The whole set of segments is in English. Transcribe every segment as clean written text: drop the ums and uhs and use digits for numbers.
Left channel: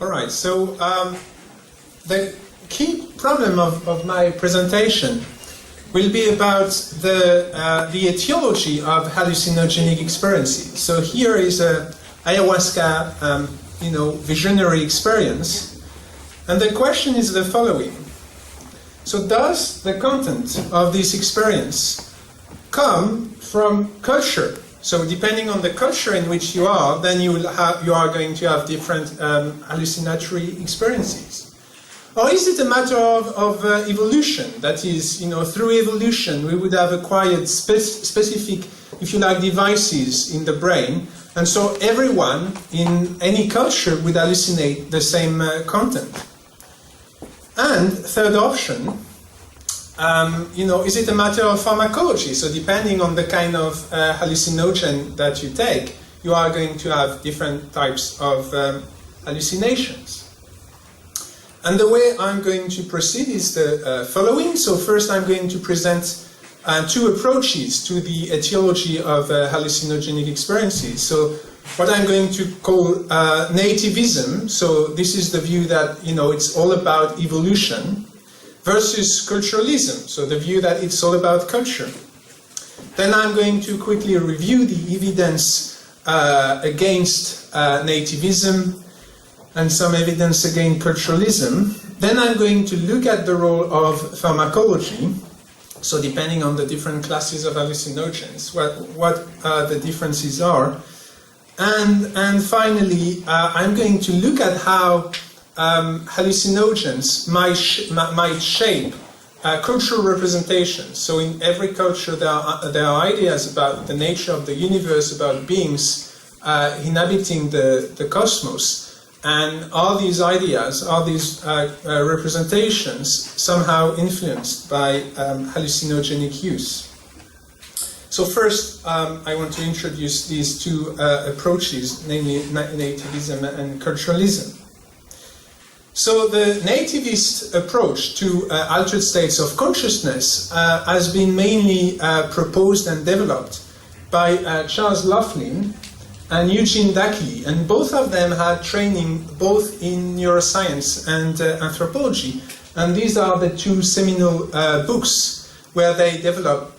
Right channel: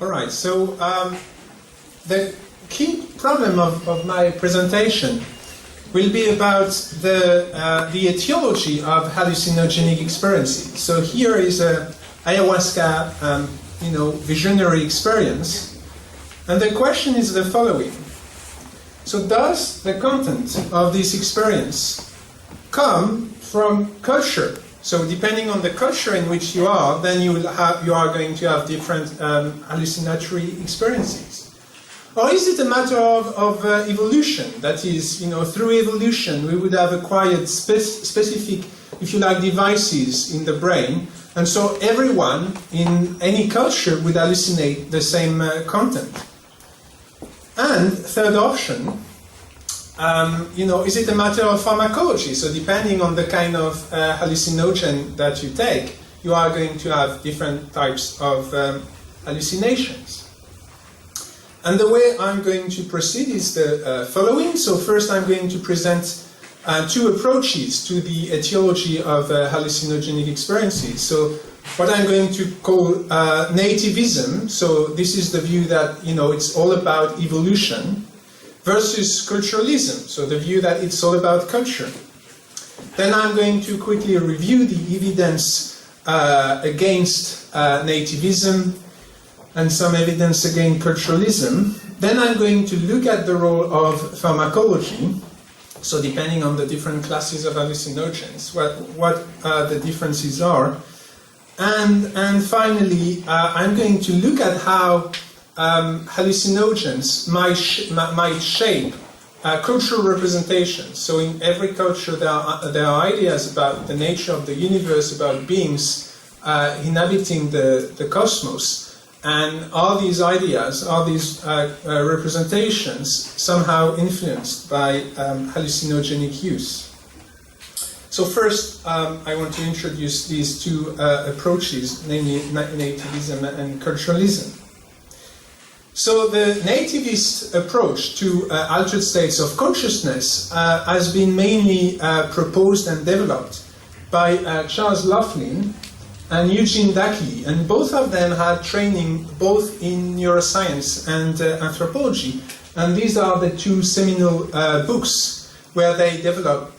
All right, so the key problem of my presentation will be about the etiology of hallucinogenic experiences. So here is a ayahuasca, visionary experience, and the question is the following. So does the content of this experience come from culture? So depending on the culture in which you are, then you are going to have different hallucinatory experiences. Or is it a matter of evolution? That is, through evolution we would have acquired specific, if you like, devices in the brain, and so everyone in any culture would hallucinate the same content. And third option, is it a matter of pharmacology? So depending on the kind of hallucinogen that you take, you are going to have different types of hallucinations. And the way I'm going to proceed is the following. So first I'm going to present two approaches to the etiology of hallucinogenic experiences. So what I'm going to call nativism, so this is the view that it's all about evolution, versus culturalism, so the view that it's all about culture. Then I'm going to quickly review the evidence against nativism and some evidence against culturalism. Then I'm going to look at the role of pharmacology, so depending on the different classes of hallucinogens, what the differences are. And finally, I'm going to look at how hallucinogens might shape cultural representations. So in every culture there are ideas about the nature of the universe, about beings inhabiting the cosmos. And all these ideas, all these representations somehow influenced by hallucinogenic use. So first, I want to introduce these two approaches, namely nativism and culturalism. So the nativist approach to altered states of consciousness has been mainly proposed and developed by Charles Laughlin and Eugene Dackley, and both of them had training both in neuroscience and anthropology, and these are the two seminal books where they develop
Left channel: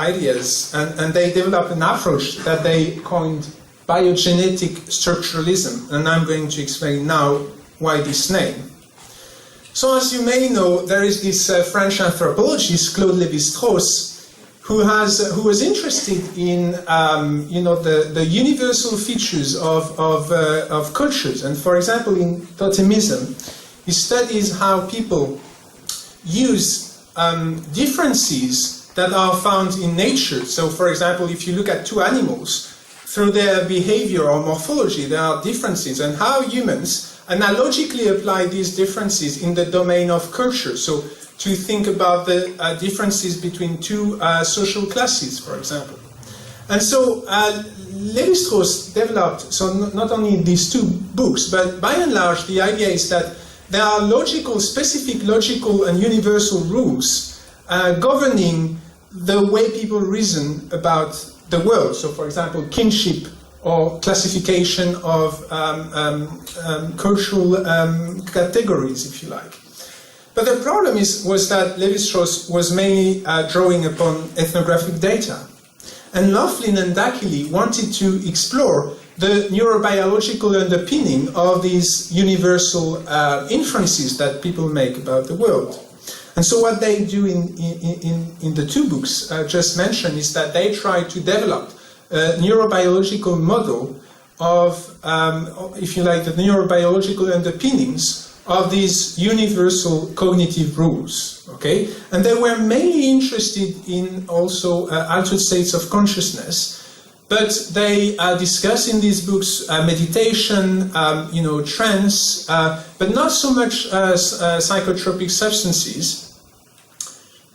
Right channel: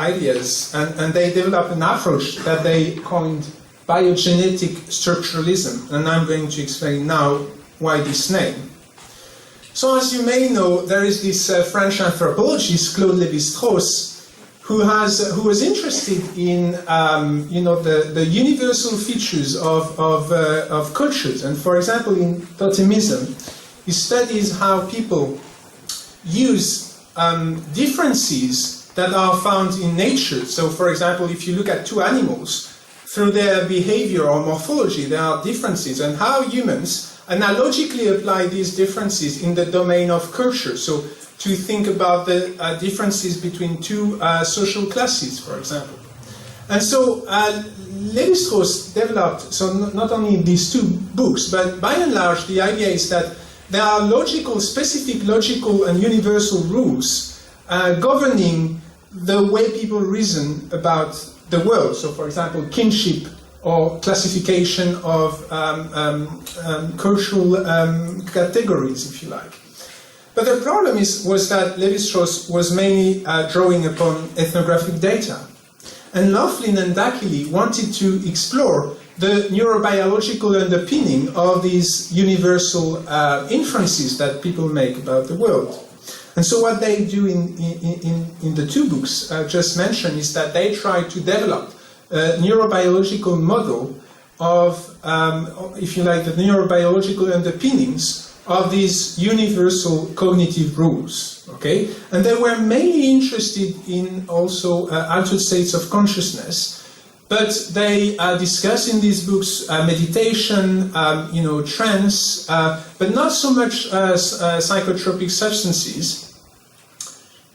ideas, and they develop an approach that they coined biogenetic structuralism, and I'm going to explain now why this name. So as you may know, there is this French anthropologist, Claude Lévi-Strauss, who was interested in the universal features of cultures. And for example, in totemism, he studies how people use differences that are found in nature. So for example, if you look at two animals, through their behavior or morphology, there are differences, and how humans analogically apply these differences in the domain of culture. So to think about the differences between two social classes, for example. And so Lévi-Strauss developed, so not only these two books, but by and large the idea is that there are specific logical and universal rules governing the way people reason about the world. So for example, kinship or classification of cultural categories, if you like. But the problem was that Lévi-Strauss was mainly drawing upon ethnographic data. And Laughlin and Dackley wanted to explore the neurobiological underpinning of these universal inferences that people make about the world. And so what they do in the two books just mentioned is that they try to develop a neurobiological model of, if you like, the neurobiological underpinnings of these universal cognitive rules, okay? And they were mainly interested in also altered states of consciousness, but they discuss in these books meditation, trance, but not so much psychotropic substances.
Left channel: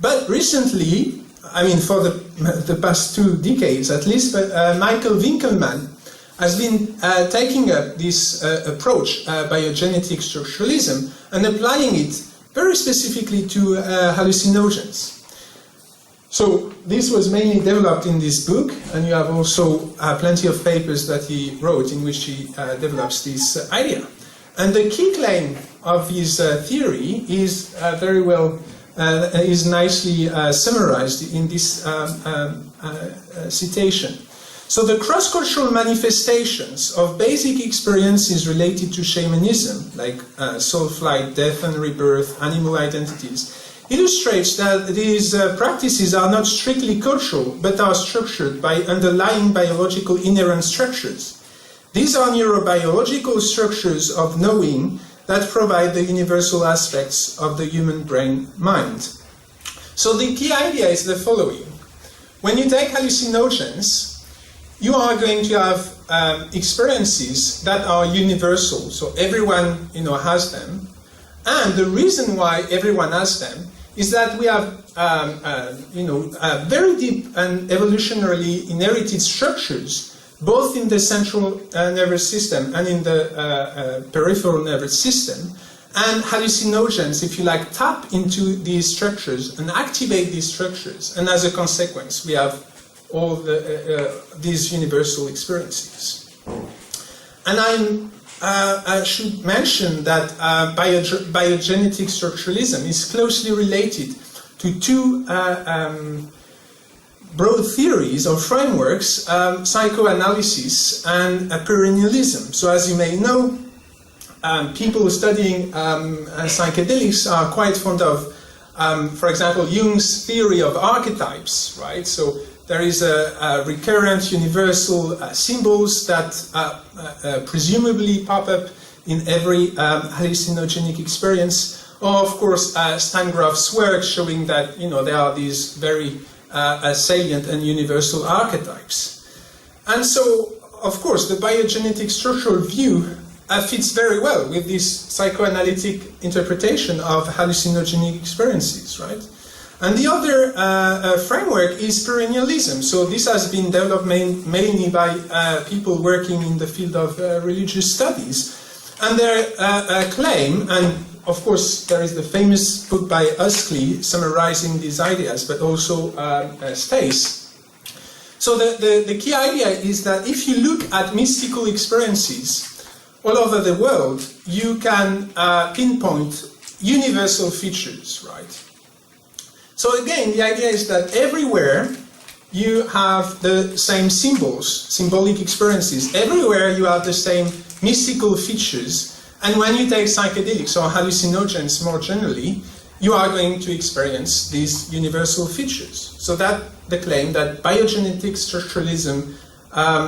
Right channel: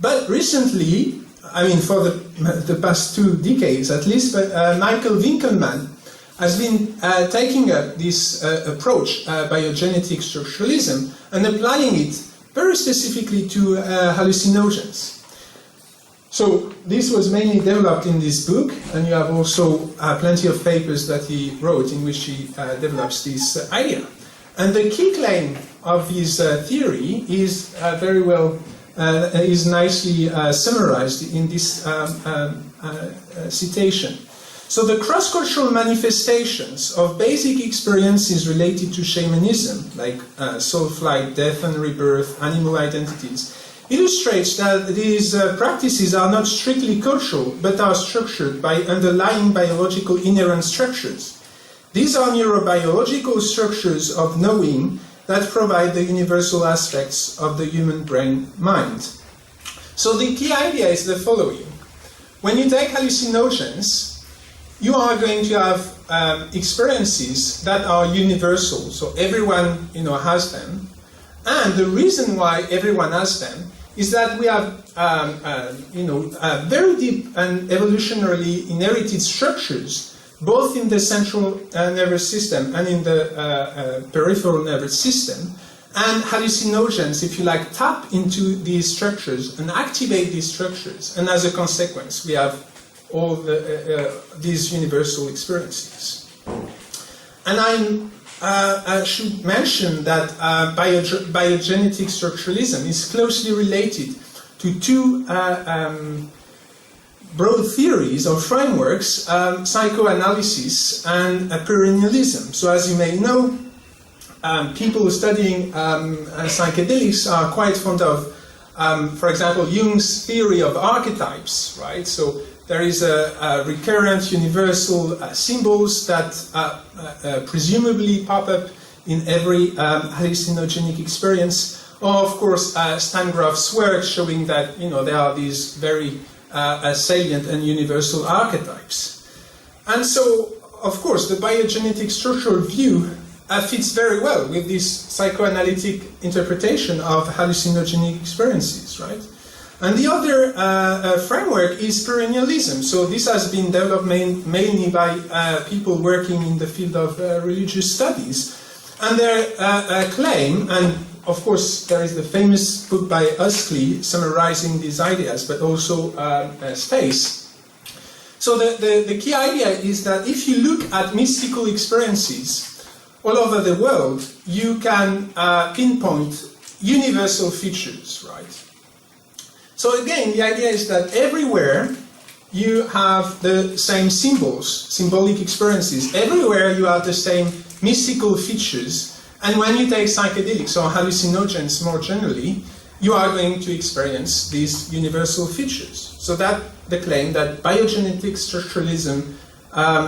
But recently, I mean for the past 2 decades at least, but Michael Winkelman has been taking up this approach, biogenetic structuralism, and applying it very specifically to hallucinogens. So this was mainly developed in this book, and you have also plenty of papers that he wrote in which he develops this idea. And the key claim of his theory is very well, is nicely summarized in this citation. So the cross-cultural manifestations of basic experiences related to shamanism, like soul flight, death and rebirth, animal identities, illustrates that these practices are not strictly cultural, but are structured by underlying biological inherent structures. These are neurobiological structures of knowing that provide the universal aspects of the human brain-mind. So the key idea is the following. When you take hallucinogens, you are going to have experiences that are universal, so everyone has them. And the reason why everyone has them is that we have very deep and evolutionarily inherited structures, both in the central nervous system and in the peripheral nervous system. And hallucinogens, if you like, tap into these structures and activate these structures. And as a consequence, we have all these universal experiences. And I should mention that biogenetic structuralism is closely related to two broad theories or frameworks, psychoanalysis and perennialism. So as you may know, people studying psychedelics are quite fond of, for example, Jung's theory of archetypes, right? So there is a recurrent universal symbols that presumably pop up in every hallucinogenic experience. Or, of course, Stan Grof's work showing that there are these very salient and universal archetypes. And so, of course, the biogenetic structural view fits very well with this psychoanalytic interpretation of hallucinogenic experiences, right? And the other framework is perennialism. So this has been developed mainly by people working in the field of religious studies. And their claim, and of course there is the famous book by Huxley summarizing these ideas, but also Stace. So the key idea is that if you look at mystical experiences all over the world, you can pinpoint universal features, right? So again, the idea is that everywhere you have the same symbols, symbolic experiences. Everywhere you have the same mystical features. And when you take psychedelics or hallucinogens more generally, you are going to experience these universal features. So that the claim that biogenetic structuralism,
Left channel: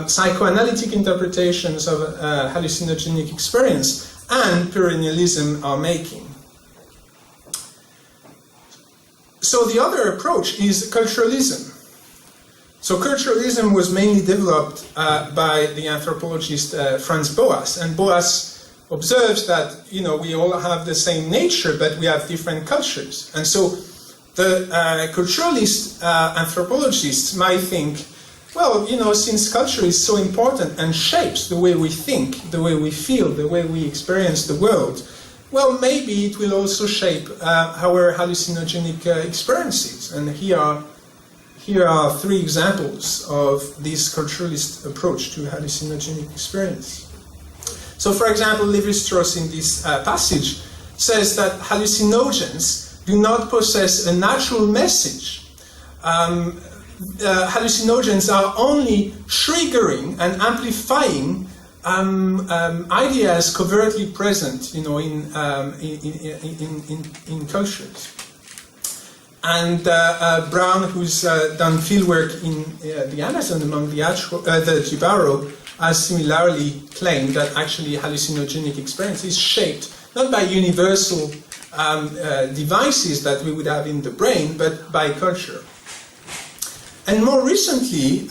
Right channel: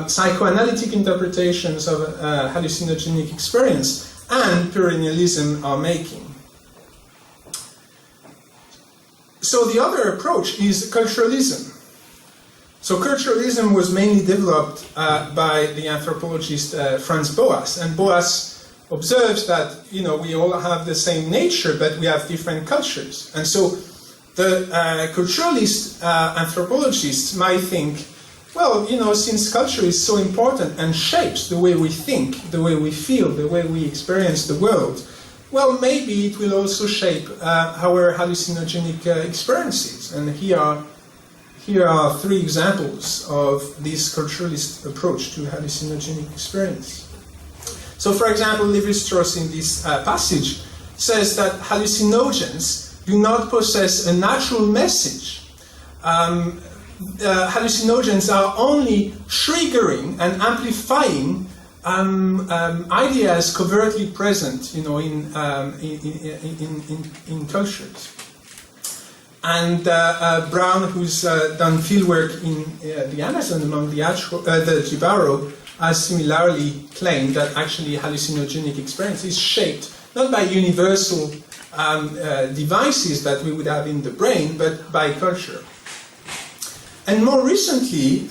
psychoanalytic interpretations of hallucinogenic experience, and perennialism are making. So the other approach is culturalism. So culturalism was mainly developed by the anthropologist Franz Boas, and Boas observes that we all have the same nature, but we have different cultures. And so the culturalist anthropologists might think, well, since culture is so important and shapes the way we think, the way we feel, the way we experience the world, well, maybe it will also shape our hallucinogenic experiences. And here are three examples of this culturalist approach to hallucinogenic experience. So, for example, Lévi-Strauss in this passage says that hallucinogens do not possess a natural message. Hallucinogens are only triggering and amplifying ideas covertly present, in cultures. And Brown, who's done fieldwork in the Amazon among the Jibaro, has similarly claimed that actually hallucinogenic experience is shaped not by universal devices that we would have in the brain, but by culture. And more recently,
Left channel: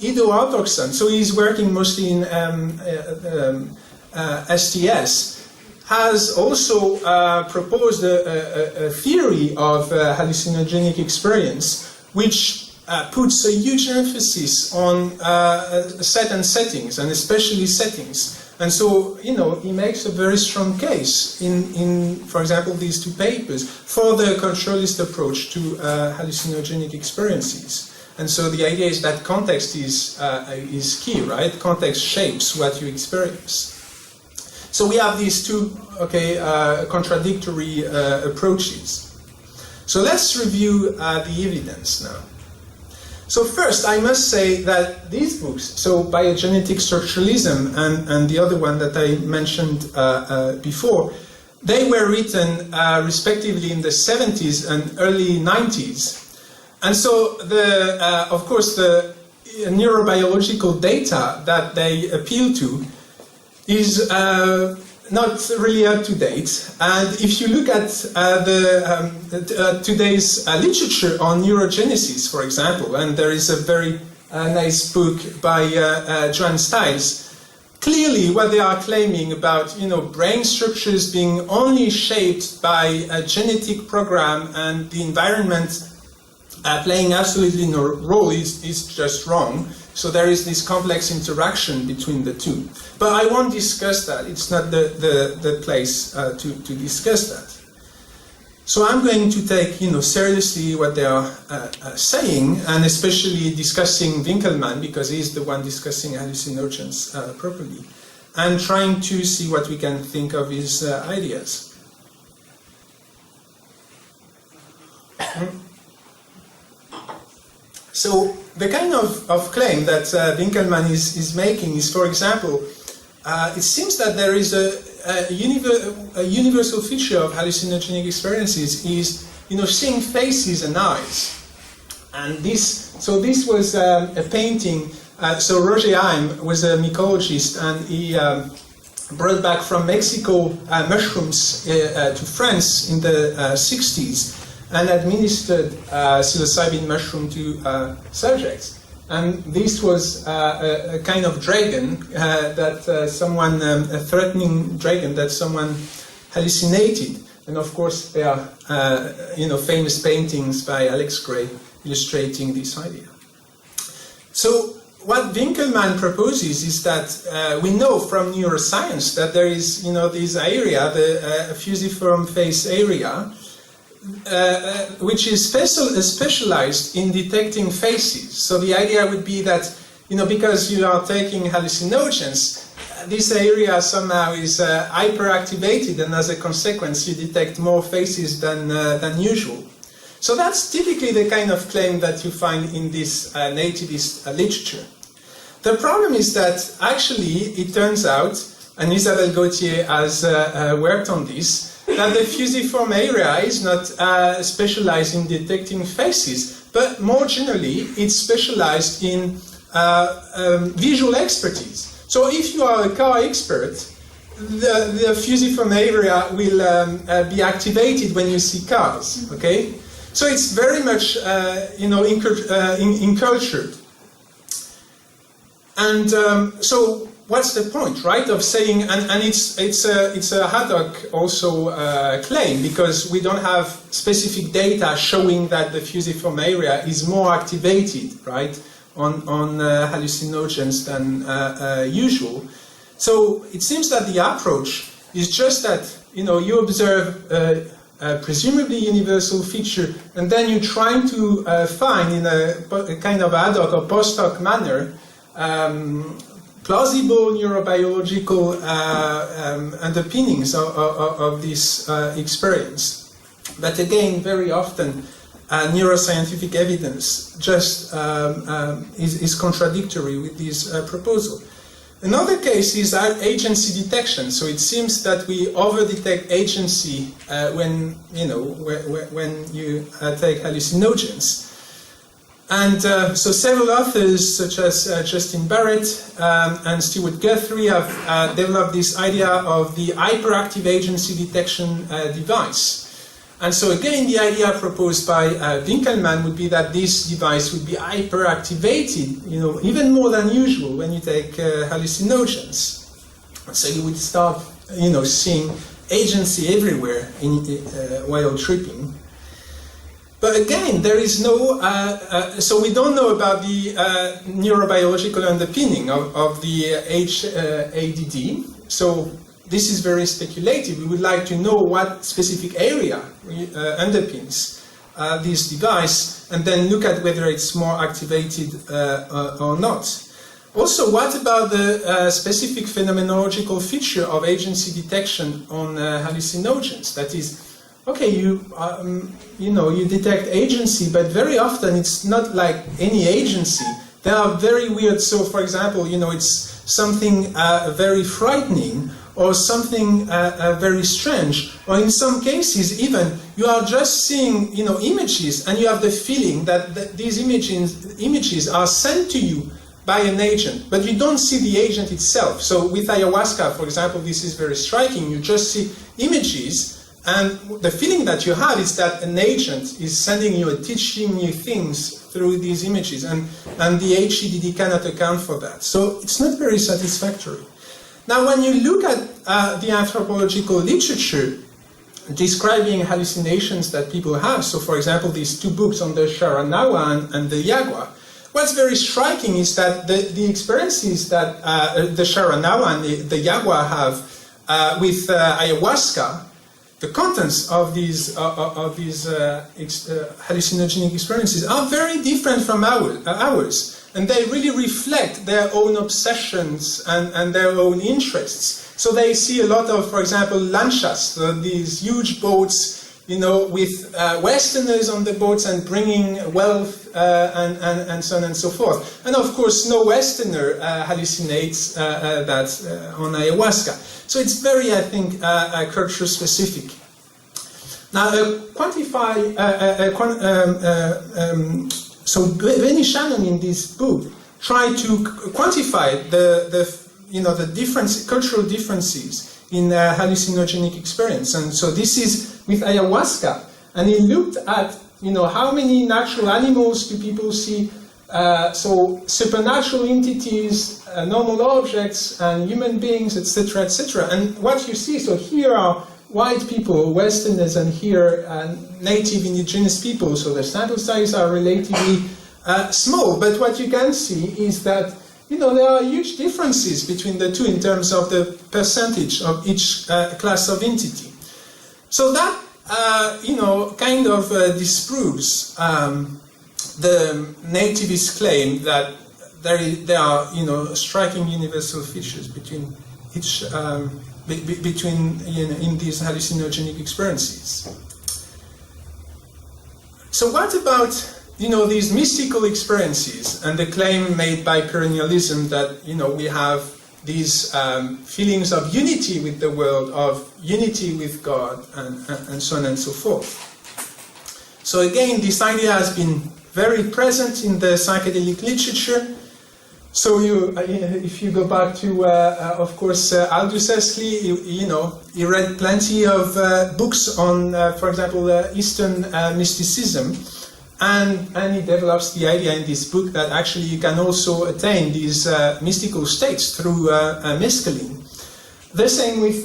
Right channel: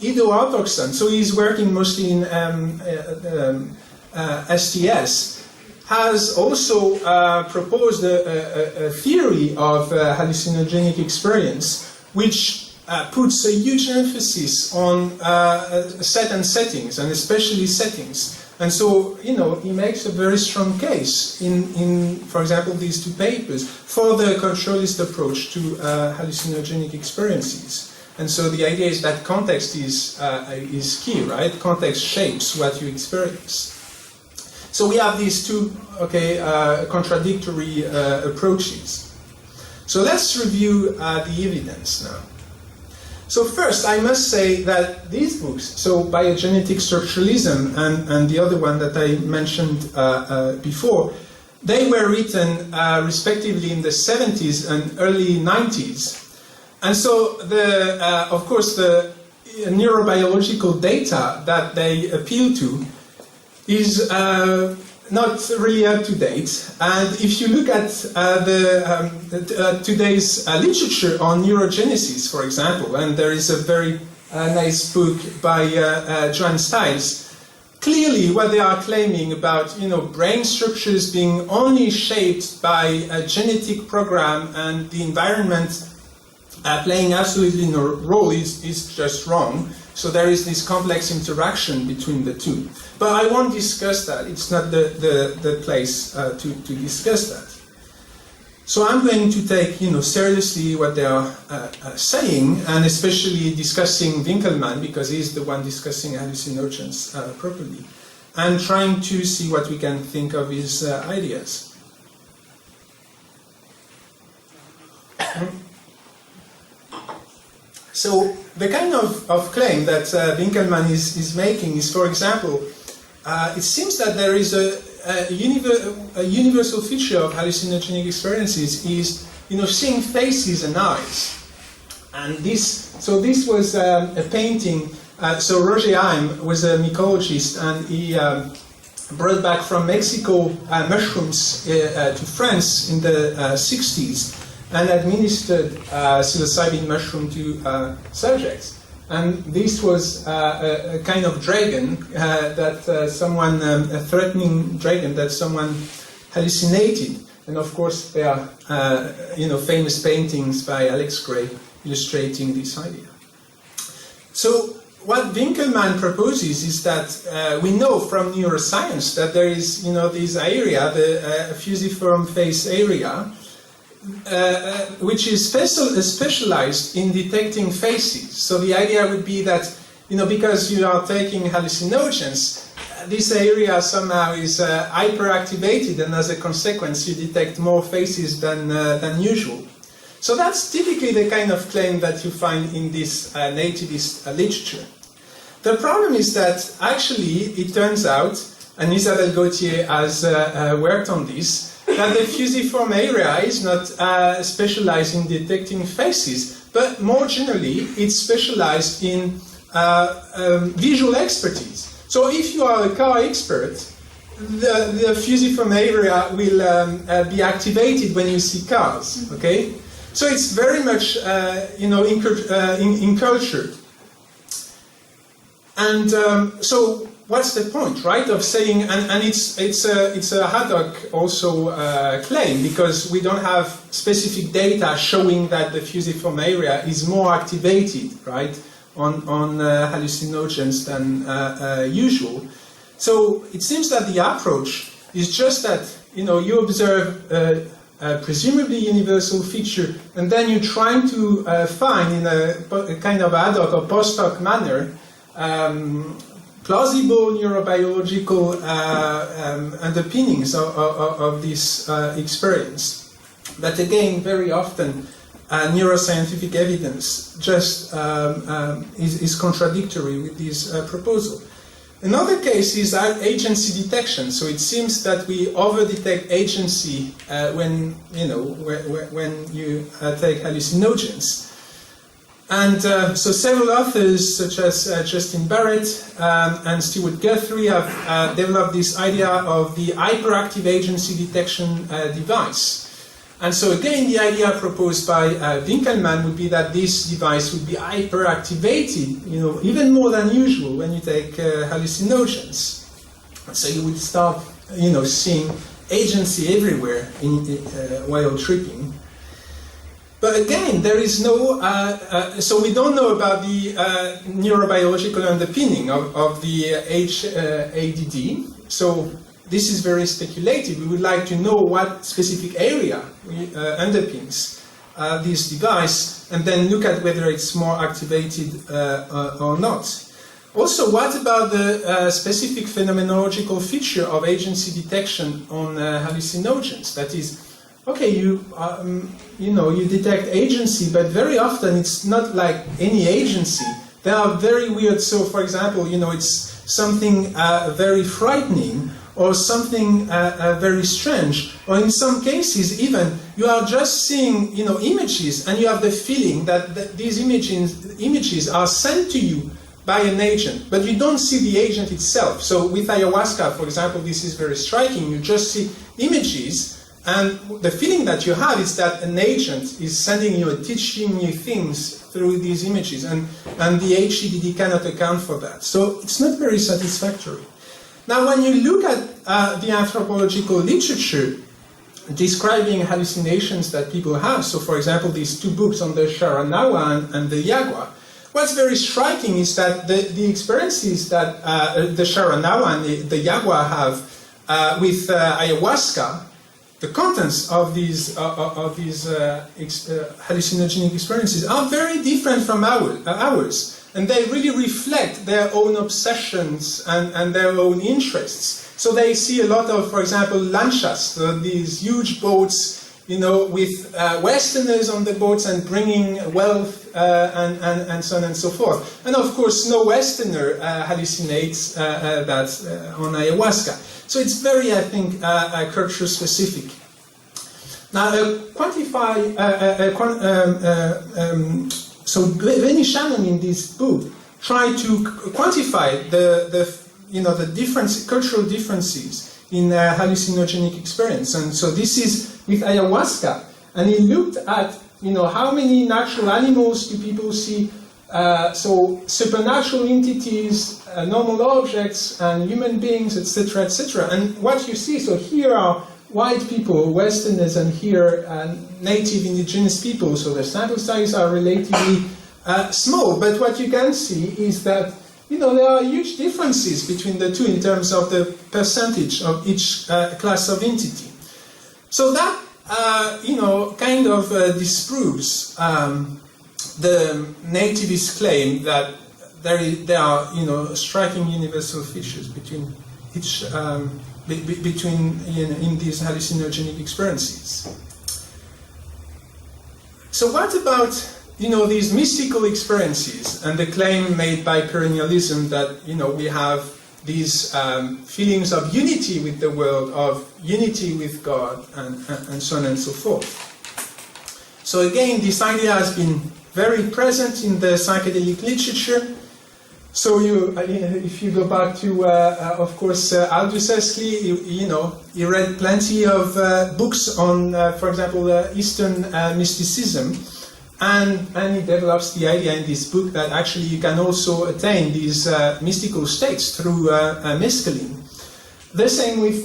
Ido Altoksson, so he's working mostly in STS, has also proposed a theory of hallucinogenic experience, which puts a huge emphasis on set and settings, and especially settings. And so, he makes a very strong case in, for example, these two papers for the culturalist approach to hallucinogenic experiences. And so the idea is that context is key, right? Context shapes what you experience. So we have these two contradictory approaches. So let's review the evidence now. So first, I must say that these books, so Biogenetic Structuralism and the other one that I mentioned before, they were written respectively in the 70s and early 90s. And so, of course, the neurobiological data that they appeal to is not really up to date. And if you look at today's literature on neurogenesis, for example, and there is a very nice book by Joan Stiles, clearly what they are claiming about brain structures being only shaped by a genetic program and the environment playing absolutely no role is just wrong. So there is this complex interaction between the two. But I won't discuss that. It's not the place to discuss that. So I'm going to take seriously what they are saying, and especially discussing Winkelman, because he's the one discussing hallucinogens properly, and trying to see what we can think of his ideas. So the kind of claim that Winkelman is making is, for example, it seems that there is a universal feature of hallucinogenic experiences is, seeing faces and eyes. And this was a painting. So Roger Haim was a mycologist, and he brought back from Mexico mushrooms to France in the 60s. And administered psilocybin mushroom to subjects. And this was a kind of dragon that someone, a threatening dragon that someone hallucinated. And of course, there are famous paintings by Alex Gray illustrating this idea. So what Winkelman proposes is that we know from neuroscience that there is, this area, the fusiform face area, which is specialized in detecting faces. So the idea would be that, because you are taking hallucinogens, this area somehow is hyperactivated, and as a consequence, you detect more faces than usual. So that's typically the kind of claim that you find in this nativist literature. The problem is that actually it turns out, and Isabelle Gauthier has worked on this, that the fusiform area is not specialized in detecting faces, but more generally, it's specialized in visual expertise. So if you are a car expert, the fusiform area will be activated when you see cars, okay? So it's very much, encultured. And so what's the point, right, of saying, and it's a ad hoc also claim, because we don't have specific data showing that the fusiform area is more activated, right, on hallucinogens than usual. So it seems that the approach is just that, you observe a presumably universal feature, and then you're trying to find in a kind of ad hoc or post hoc manner plausible neurobiological underpinnings of this experience. But again, very often, neuroscientific evidence just is contradictory with this proposal. Another case is agency detection. So it seems that we over-detect agency when you take hallucinogens. And so several authors, such as Justin Barrett and Stuart Guthrie, have developed this idea of the hyperactive agency detection device. And so again, the idea proposed by Winkelman would be that this device would be hyperactivated, even more than usual when you take hallucinogens. So you would start, seeing agency everywhere while tripping. But again, there is no, so we don't know about the neurobiological underpinning of the HADD. So this is very speculative. We would like to know what specific area underpins this device, and then look at whether it's more activated or not. Also, what about the specific phenomenological feature of agency detection on hallucinogens? That is, okay, you detect agency, but very often it's not like any agency. They are very weird. So, for example, it's something very frightening, or something very strange, or in some cases even you are just seeing images, and you have the feeling that these images are sent to you by an agent, but you don't see the agent itself. So with ayahuasca, for example, this is very striking. You just see images, and the feeling that you have is that an agent is sending you and teaching you things through these images, and the HEDD cannot account for that. So it's not very satisfactory. Now, when you look at the anthropological literature describing hallucinations that people have, so for example, these two books on the Sharanawa and the Yagua, what's very striking is that the experiences that the Sharanawa and the Yagua have with ayahuasca, the contents of these hallucinogenic experiences are very different from ours. And they really reflect their own obsessions and their own interests. So they see a lot of, for example, lanchas, these huge boats, with Westerners on the boats and bringing wealth and so on and so forth. And of course, no Westerner hallucinates that on ayahuasca. So it's very, I think, culture specific. Now, so Lenny Shannon in this book tried to quantify the difference, cultural differences in hallucinogenic experience, and so this is with ayahuasca, and he looked at how many natural animals do people see, so supernatural entities, normal objects, and human beings, etc., etc. And what you see, so here are white people, Westerners, and here native indigenous people, so the sample sizes are relatively small, but what you can see is that there are huge differences between the two in terms of the percentage of each class of entity. So that kind of disproves the nativist claim that there are striking universal features between each in these hallucinogenic experiences. So what about these mystical experiences and the claim made by perennialism that we have these feelings of unity with the world, of unity with God, and so on and so forth. So again, this idea has been very present in the psychedelic literature. So if you go back to, of course, Aldous Huxley, he read plenty of books on, for example, Eastern mysticism, and he develops the idea in this book that actually you can also attain these mystical states through mescaline. The same with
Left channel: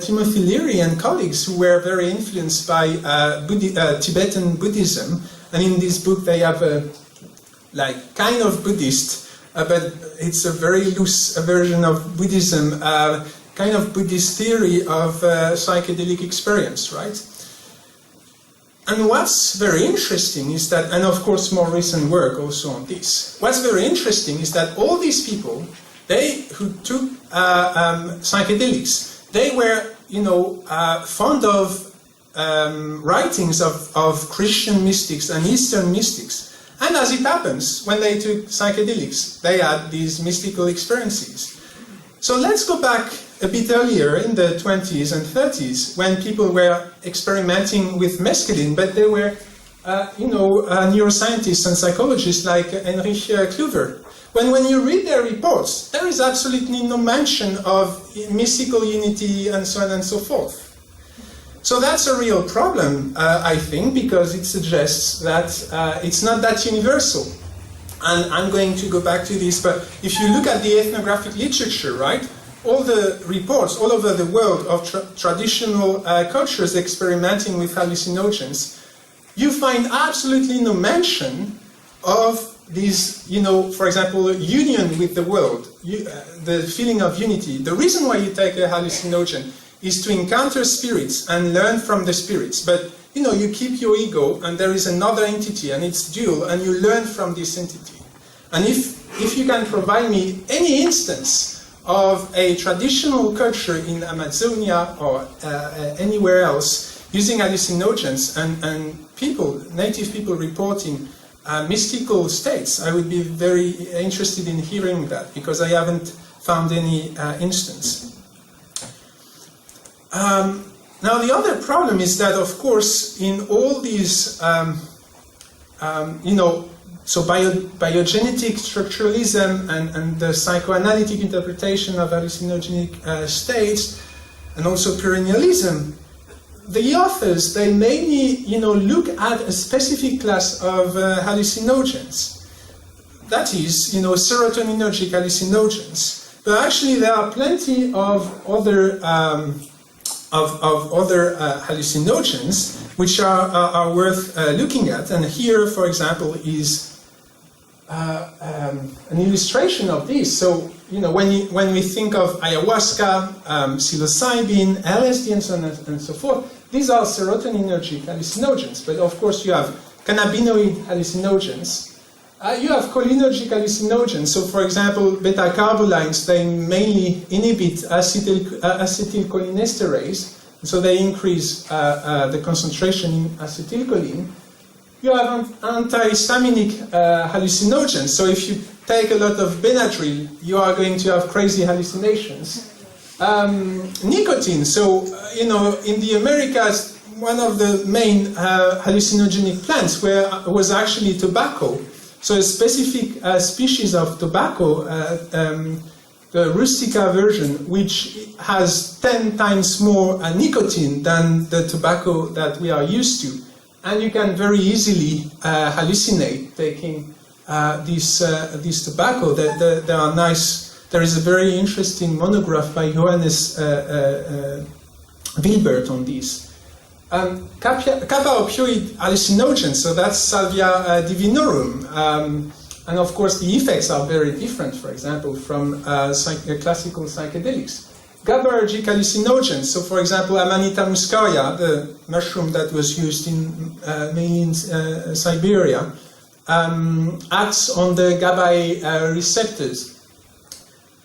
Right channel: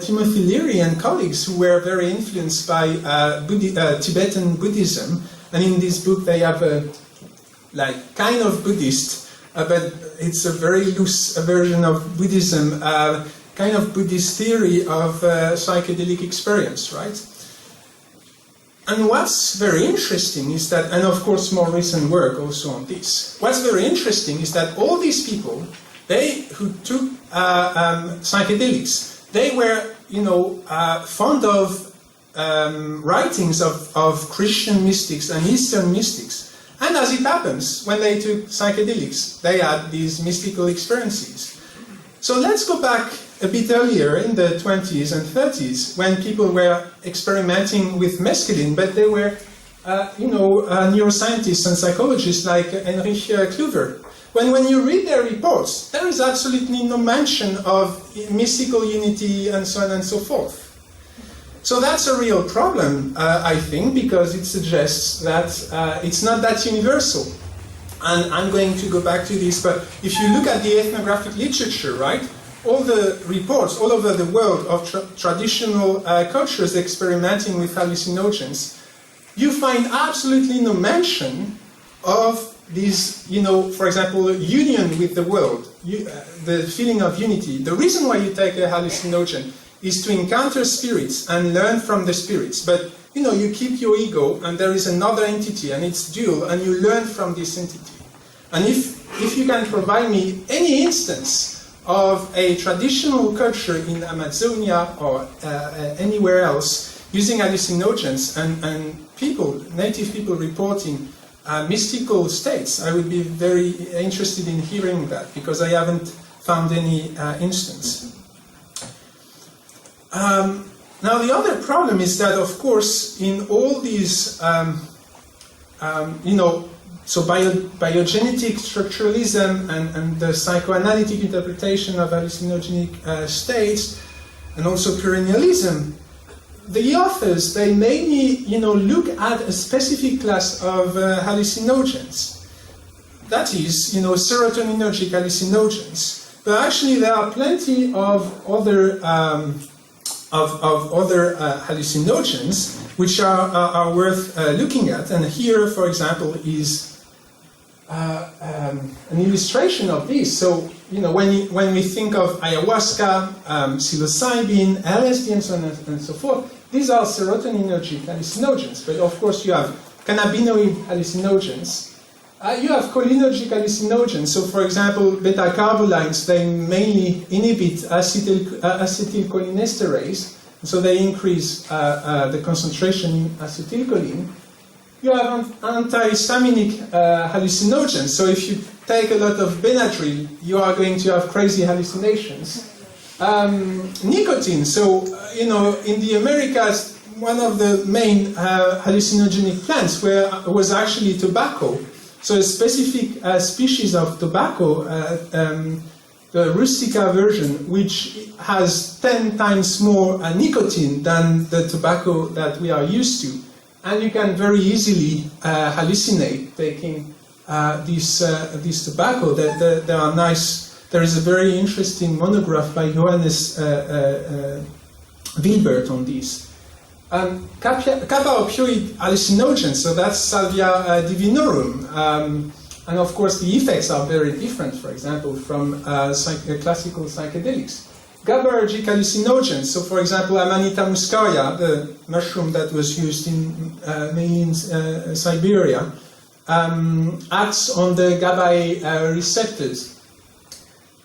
Timothy Leary and colleagues who were very influenced by Tibetan Buddhism, and in this book they have a kind of Buddhist, but it's a very loose version of Buddhism, kind of Buddhist theory of psychedelic experience, right? And what's very interesting is that, and of course more recent work also on this, what's very interesting is that all these people, who took psychedelics, they were, fond of writings of Christian mystics and Eastern mystics. And as it happens, when they took psychedelics, they had these mystical experiences. So let's go back a bit earlier in the 20s and 30s, when people were experimenting with mescaline, but they were, neuroscientists and psychologists like Heinrich Kluwer. When you read their reports, there is absolutely no mention of mystical unity and so on and so forth. So that's a real problem, I think, because it suggests that it's not that universal. And I'm going to go back to this, but if you look at the ethnographic literature, right, all the reports all over the world of traditional cultures experimenting with hallucinogens, you find absolutely no mention of this, for example, union with the world, the feeling of unity. The reason why you take a hallucinogen is to encounter spirits and learn from the spirits. But, you keep your ego and there is another entity and it's dual and you learn from this entity. And if if you can provide me any instance of a traditional culture in Amazonia or anywhere else using hallucinogens and people, native people reporting mystical states, I would be very interested in hearing that, because I haven't found any instance. Now the other problem is that, of course, in all these, so biogenetic structuralism and the psychoanalytic interpretation of hallucinogenic states, and also perennialism, the authors, they mainly, look at a specific class of hallucinogens. That is, serotonergic hallucinogens. But actually, there are plenty of other hallucinogens which are worth looking at. And here, for example, is an illustration of this. So, when we think of ayahuasca, psilocybin, LSD, and so on and so forth, these are serotonergic hallucinogens. But of course, you have cannabinoid hallucinogens. You have cholinergic hallucinogens. So, for example, beta-carbolines, they mainly inhibit acetylcholinesterase, so they increase the concentration in acetylcholine. You have antihistaminic hallucinogens. So, if you take a lot of Benadryl, you are going to have crazy hallucinations. Nicotine. So, in the Americas, one of the main hallucinogenic plants was actually tobacco. So a specific species of tobacco, the rustica version, which has 10 times more nicotine than the tobacco that we are used to. And you can very easily hallucinate taking this tobacco. There are nice. There is a very interesting monograph by Johannes Wilbert on this. Kappa opioid hallucinogens, so that's Salvia Divinorum. And of course, the effects are very different, for example, from classical psychedelics. GABAergic hallucinogens, so for example, Amanita muscaria, the mushroom that was used mainly in Siberia, acts on the GABA receptors.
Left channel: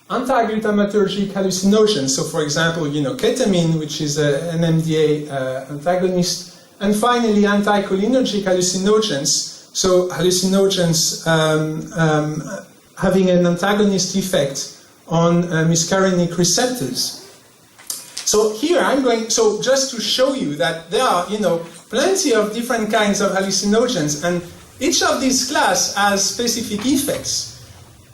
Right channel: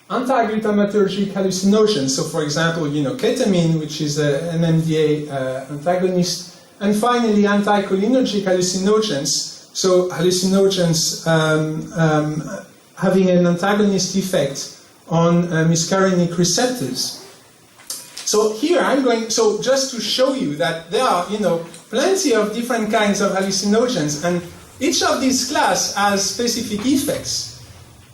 Anti-glutamatergic hallucinogens, so for example, ketamine, which is an NMDA antagonist, and finally anticholinergic hallucinogens, so hallucinogens having an antagonist effect on muscarinic receptors. So here so just to show you that there are, plenty of different kinds of hallucinogens, and each of these class has specific effects.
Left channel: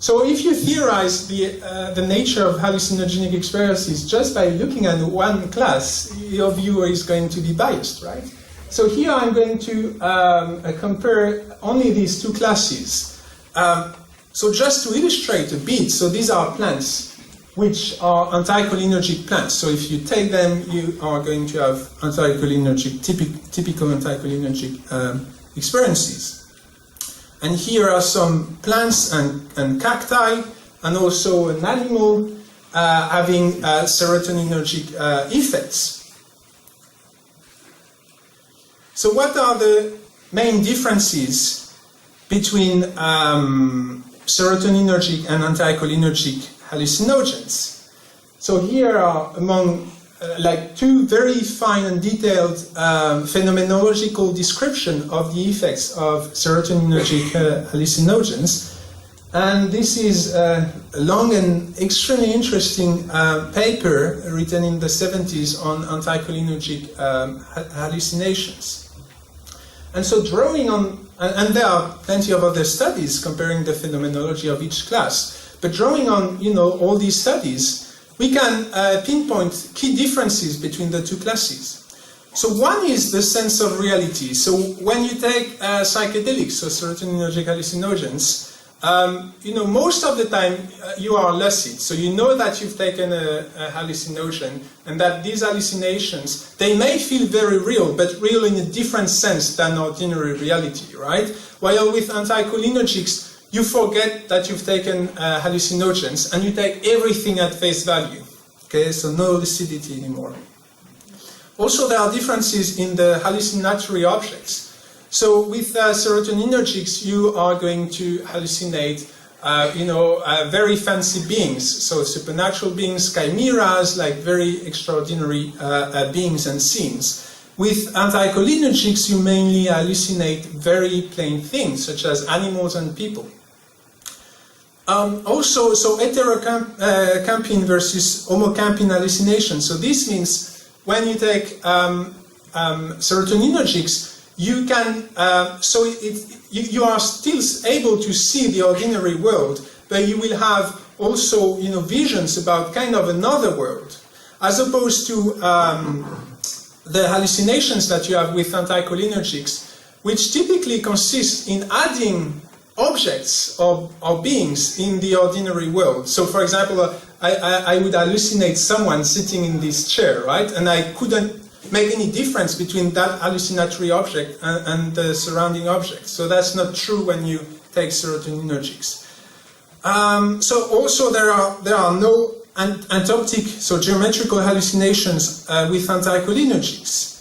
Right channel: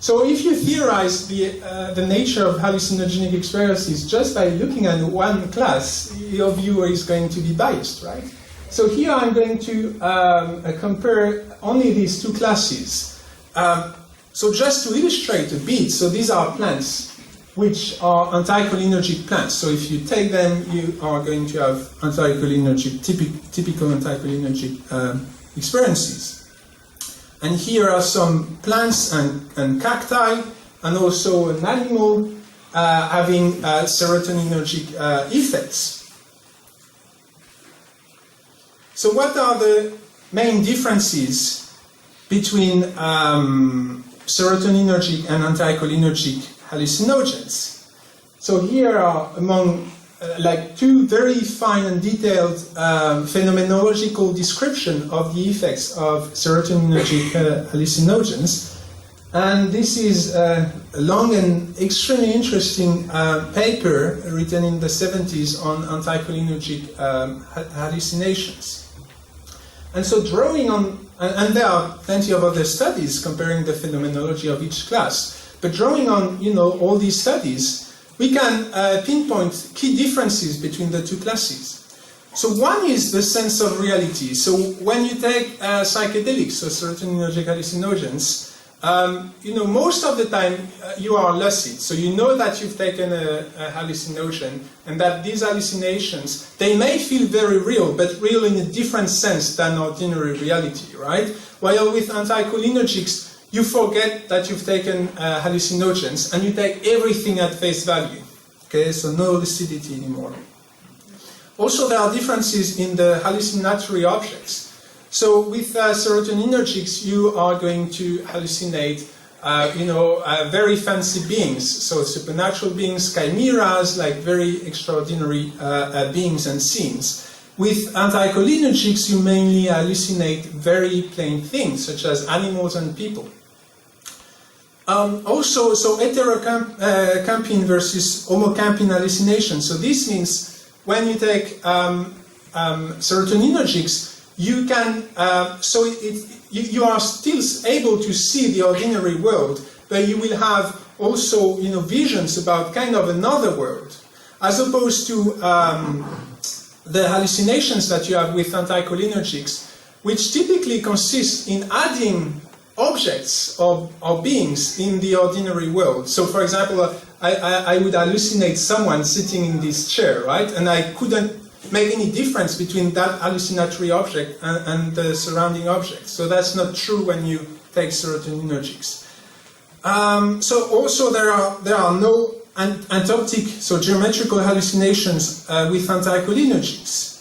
So if you theorize the nature of hallucinogenic experiences just by looking at one class, your view is going to be biased, right? So here I'm going to compare only these two classes. So just to illustrate a bit, so these are plants which are anticholinergic plants. So if you take them, you are going to have anticholinergic, typical anticholinergic experiences. And here are some plants and cacti, and also an animal having serotonergic effects. So what are the main differences between serotonergic and anticholinergic hallucinogens? So here are among two very fine and detailed phenomenological description of the effects of serotonergic hallucinogens. And this is a long and extremely interesting paper written in the 70s on anticholinergic hallucinations. And so drawing on, and there are plenty of other studies comparing the phenomenology of each class, but drawing on all these studies, we can pinpoint key differences between the two classes. So one is the sense of reality. So when you take psychedelics, so serotonergic hallucinogens, most of the time you are lucid. So you know that you've taken a hallucinogen, and that these hallucinations, they may feel very real, but real in a different sense than ordinary reality, right? While with anticholinergics, you forget that you've taken hallucinogens, and you take everything at face value. Okay, so no lucidity anymore. Also, there are differences in the hallucinatory objects. So with serotonergics, you are going to hallucinate very fancy beings, so supernatural beings, chimeras, like very extraordinary beings and scenes. With anticholinergics, you mainly hallucinate very plain things, such as animals and people. Also, so heterocampine versus homocampine hallucination. So this means when you take serotonergics, you can, you are still able to see the ordinary world, but you will have also, visions about kind of another world, as opposed to the hallucinations that you have with anticholinergics, which typically consist in adding objects or beings in the ordinary world. So, for example, I would hallucinate someone sitting in this chair, right? And I couldn't make any difference between that hallucinatory object and the surrounding objects. So that's not true when you take serotonergics. So also there are no antoptic, so geometrical hallucinations with anticholinergics.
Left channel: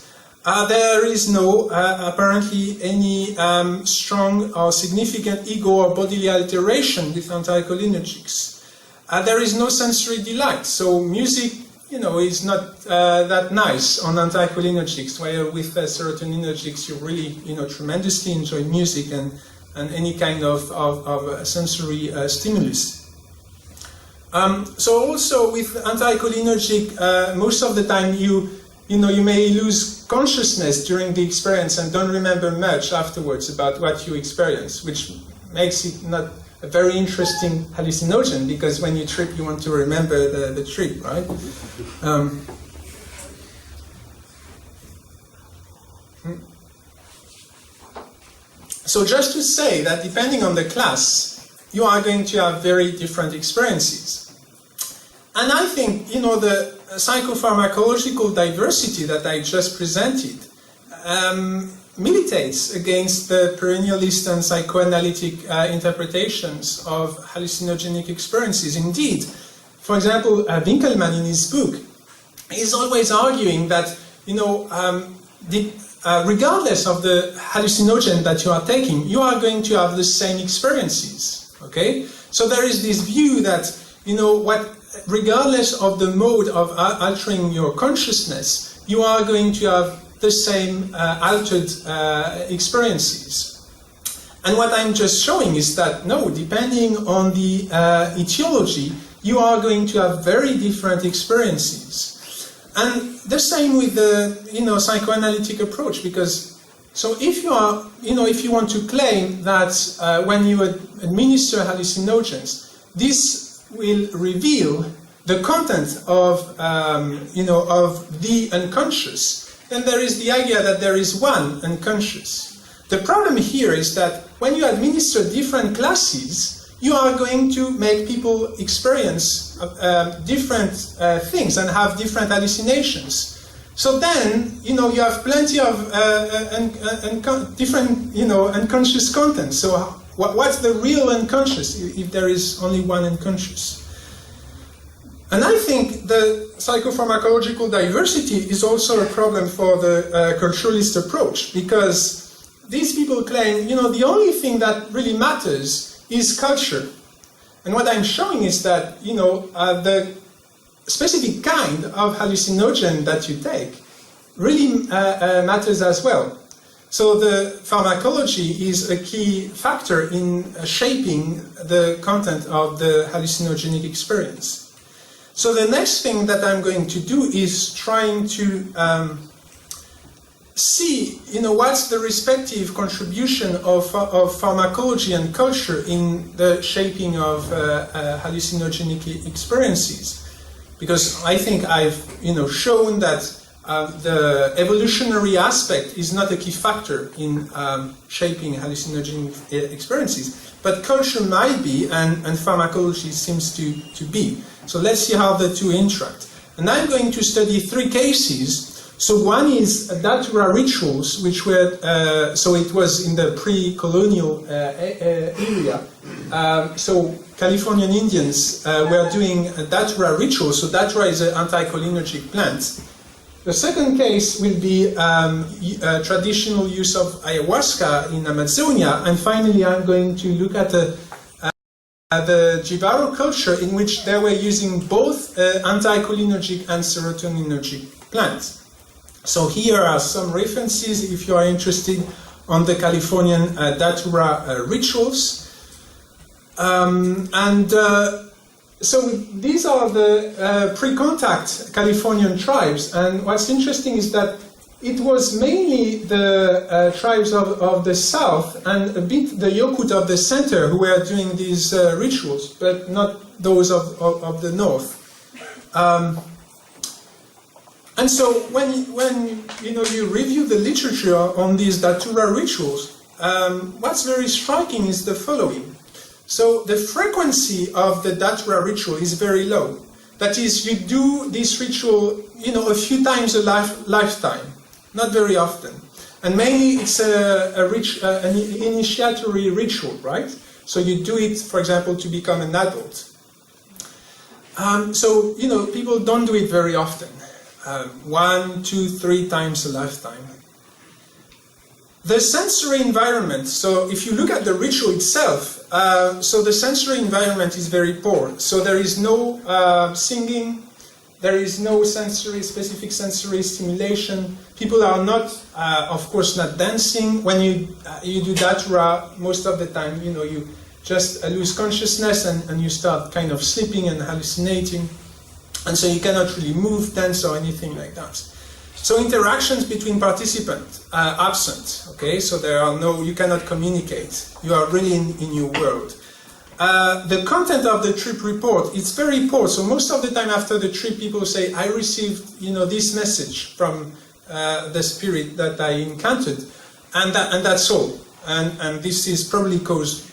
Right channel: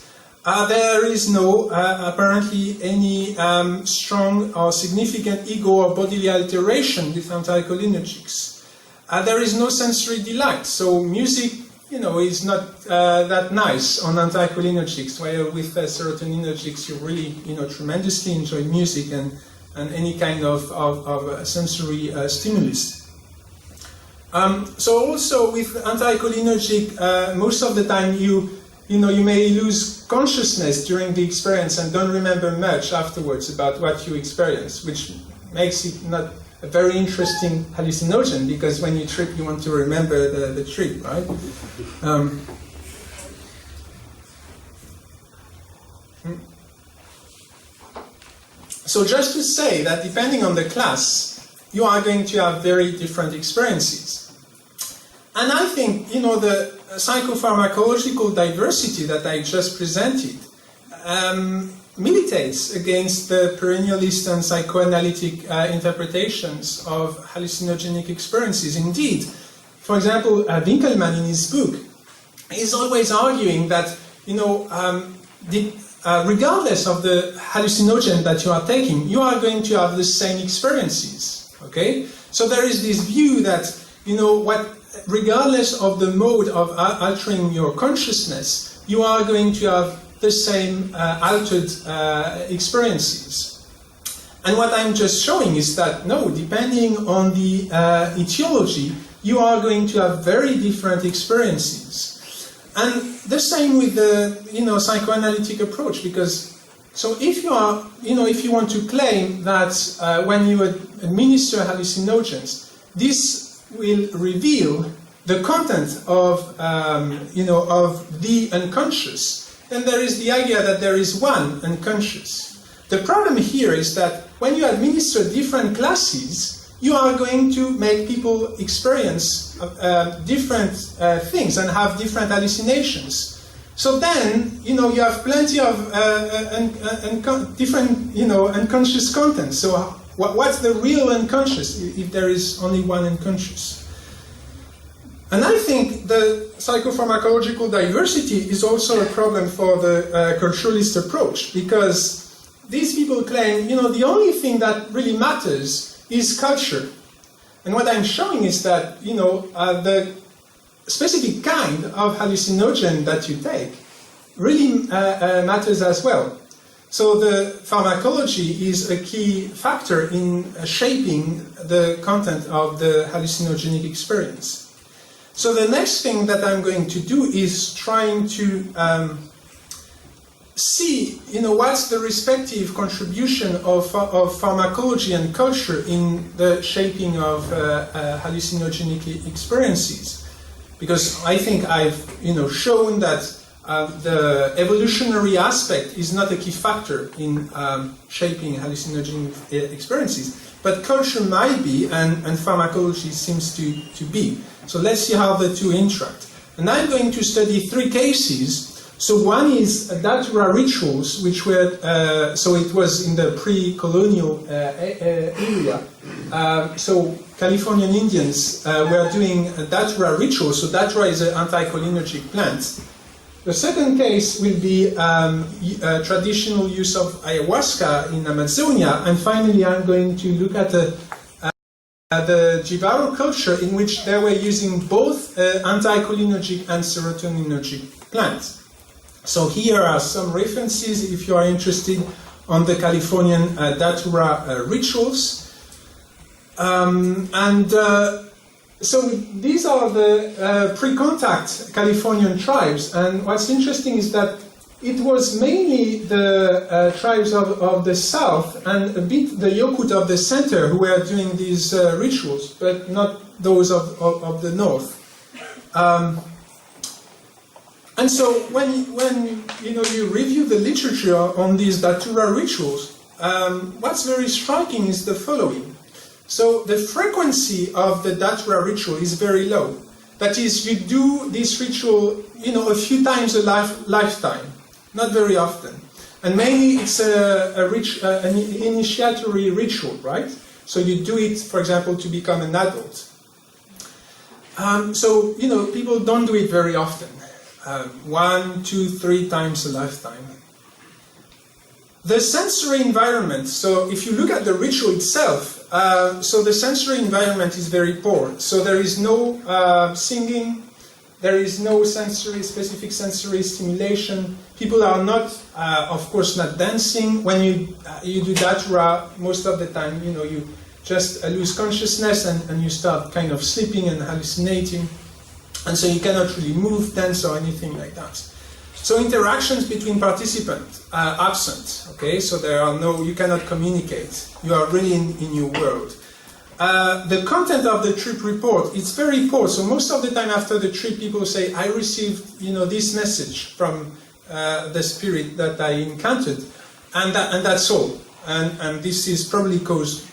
There is no apparently any strong or significant ego or bodily alteration with anticholinergics. There is no sensory delight. So music, is not that nice on anticholinergics, while with serotonergics you really, tremendously enjoy music and any kind of sensory stimulus. So also with anticholinergic, most of the time you may lose consciousness during the experience and don't remember much afterwards about what you experience, which makes it not a very interesting hallucinogen, because when you trip you want to remember the trip, right? So just to say that depending on the class, you are going to have very different experiences. And I think, the psychopharmacological diversity that I just presented militates against the perennialist and psychoanalytic interpretations of hallucinogenic experiences. Indeed, for example, Winkelman in his book is always arguing that, regardless of the hallucinogen that you are taking, you are going to have the same experiences. Okay? So there is this view that, regardless of the mode of altering your consciousness, you are going to have the same altered experiences. And what I'm just showing is that, no, depending on the etiology, you are going to have very different experiences. And the same with the, psychoanalytic approach, because, so if you are, if you want to claim that when you administer hallucinogens, this will reveal the content of, of the unconscious, then there is the idea that there is one unconscious. The problem here is that when you administer different classes, you are going to make people experience different things and have different hallucinations. So then, you have plenty of different, unconscious content. So what's the real unconscious if there is only one unconscious? And I think the psychopharmacological diversity is also a problem for the culturalist approach, because these people claim, the only thing that really matters is culture. And what I'm showing is that, the specific kind of hallucinogen that you take really matters as well. So the pharmacology is a key factor in shaping the content of the hallucinogenic experience. So the next thing that I'm going to do is trying to see, what's the respective contribution of pharmacology and culture in the shaping of hallucinogenic experiences. Because I think I've, shown that the evolutionary aspect is not a key factor in shaping hallucinogenic experiences, but culture might be, and pharmacology seems to be. So let's see how the two interact. And I'm going to study three cases. So one is datura rituals, which were, so it was in the pre-colonial area. So Californian Indians were doing datura rituals. So datura is an anticholinergic plant. The second case will be traditional use of ayahuasca in Amazonia. And finally, I'm going to look at the Jivaro culture, in which they were using both anticholinergic and serotonergic plants. So here are some references if you are interested on the Californian Datura rituals. So these are the pre-contact Californian tribes, and what's interesting is that it was mainly the tribes of the south and a bit the Yokut of the center who were doing these rituals, but not those of the north. And so when you review the literature on these Datura rituals, what's very striking is the following. So the frequency of the Datura ritual is very low. That is, you do this ritual, a few times a lifetime, not very often. And mainly it's an initiatory ritual, right? So you do it, for example, to become an adult. So people don't do it very often. 1, 2, 3 times a lifetime. The sensory environment, so if you look at the ritual itself, so the sensory environment is very poor. So there is no singing, there is no specific sensory stimulation. People are not, of course, not dancing. When you do Datura, most of the time, you just lose consciousness and you start kind of sleeping and hallucinating. And so you cannot really move, dance, or anything like that. So interactions between participants are absent, okay? So you cannot communicate. You are really in your world. The content of the trip report, it's very poor. So most of the time after the trip, people say, I received, this message from the spirit that I encountered, and that's all. And this is probably caused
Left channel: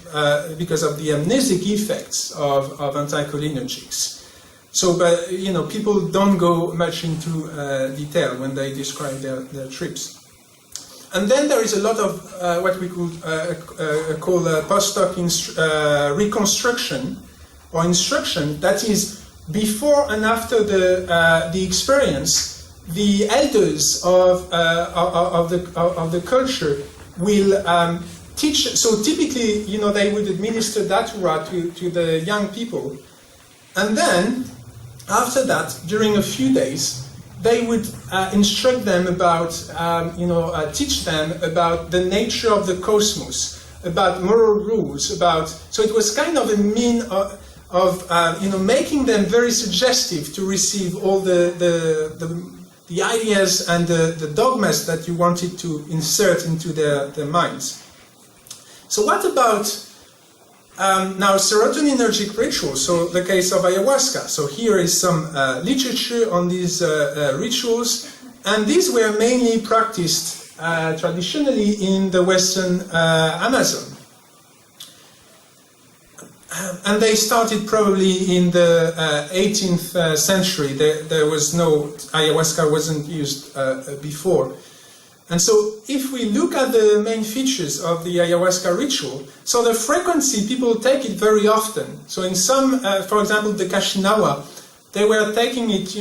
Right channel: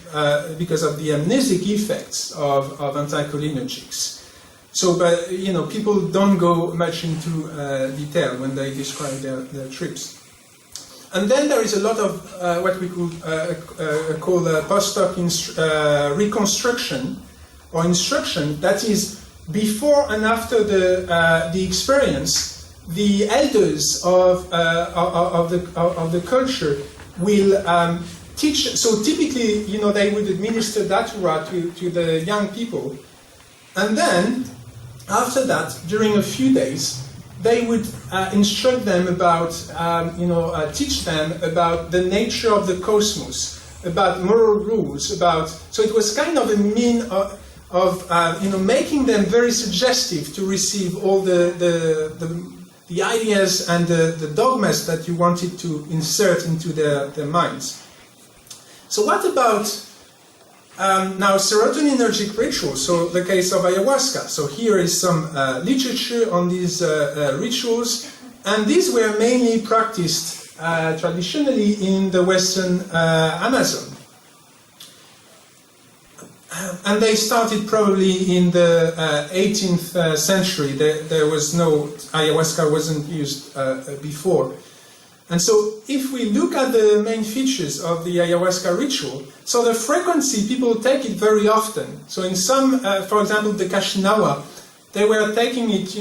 because of the amnesic effects of anticholinergics. So, but people don't go much into detail when they describe their trips. And then there is a lot of what we could call post-hoc reconstruction or instruction. That is, before and after the experience, the elders of the culture will teach. So typically, they would administer Datura to the young people, and then after that, during a few days, they would instruct them about, teach them about the nature of the cosmos, about moral rules, so it was kind of a mean of making them very suggestive to receive all the ideas and the dogmas that you wanted to insert into their minds. So what about now serotonergic rituals, so the case of ayahuasca. So here is some literature on these rituals, and these were mainly practiced traditionally in the Western Amazon. And they started probably in the 18th century. There was no, ayahuasca wasn't used before. And so if we look at the main features of the ayahuasca ritual, so the frequency, people take it very often. So in some, for example, the Kashinawa, they were taking it,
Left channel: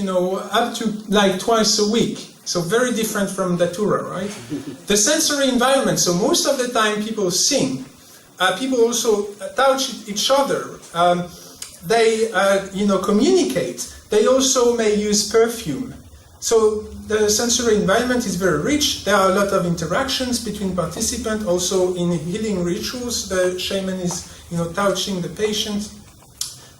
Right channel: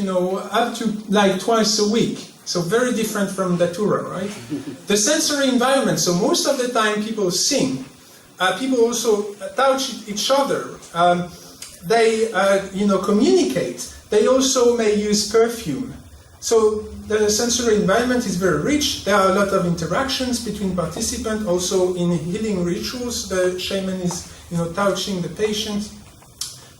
up to like twice a week. So very different from Datura, right? The sensory environment, so most of the time people sing. People also touch each other. They, communicate. They also may use perfume. So the sensory environment is very rich. There are a lot of interactions between participants. Also in healing rituals, the shaman is, touching the patient.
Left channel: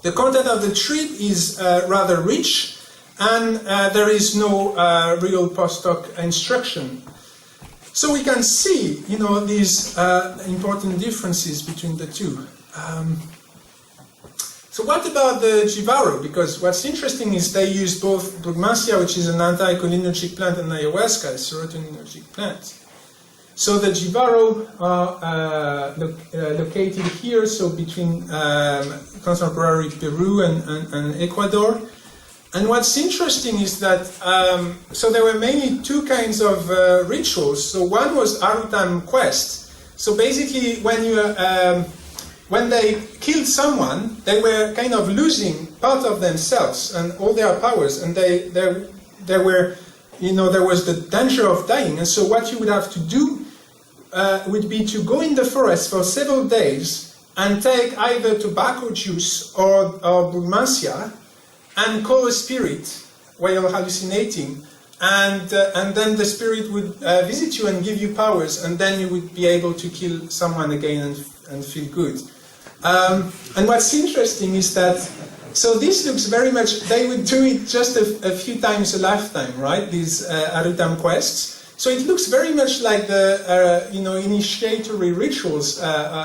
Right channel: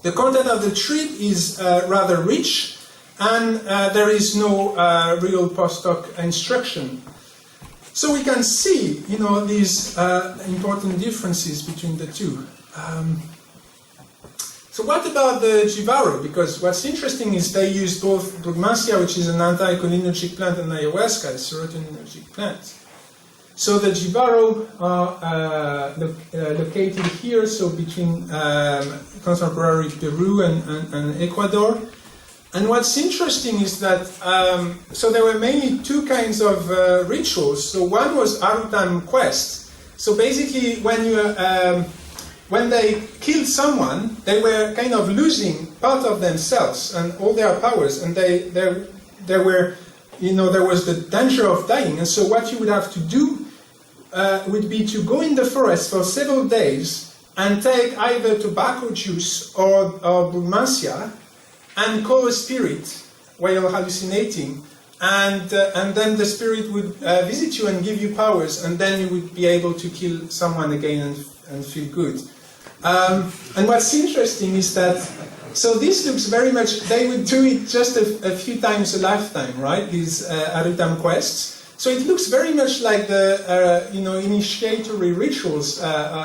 The content of the trip is rather rich, and there is no real post-hoc instruction. So we can see, these important differences between the two. So what about the Jivaro? Because what's interesting is they use both Brugmansia, which is an anticholinergic plant, and ayahuasca, a serotonergic plant. So the Jivaro are located here, so between contemporary Peru and Ecuador. And what's interesting is that, so there were mainly two kinds of rituals. So one was Arutam quest. So basically when they killed someone, they were kind of losing part of themselves and all their powers, and there was the danger of dying. And so what you would have to do would be to go in the forest for several days and take either tobacco juice or brumacia and call a spirit while hallucinating, and then the spirit would visit you and give you powers, and then you would be able to kill someone again and feel good. And what's interesting is that, so this looks very much, they would do it just a few times a lifetime, right? These Arutam quests. So it looks very much like the initiatory rituals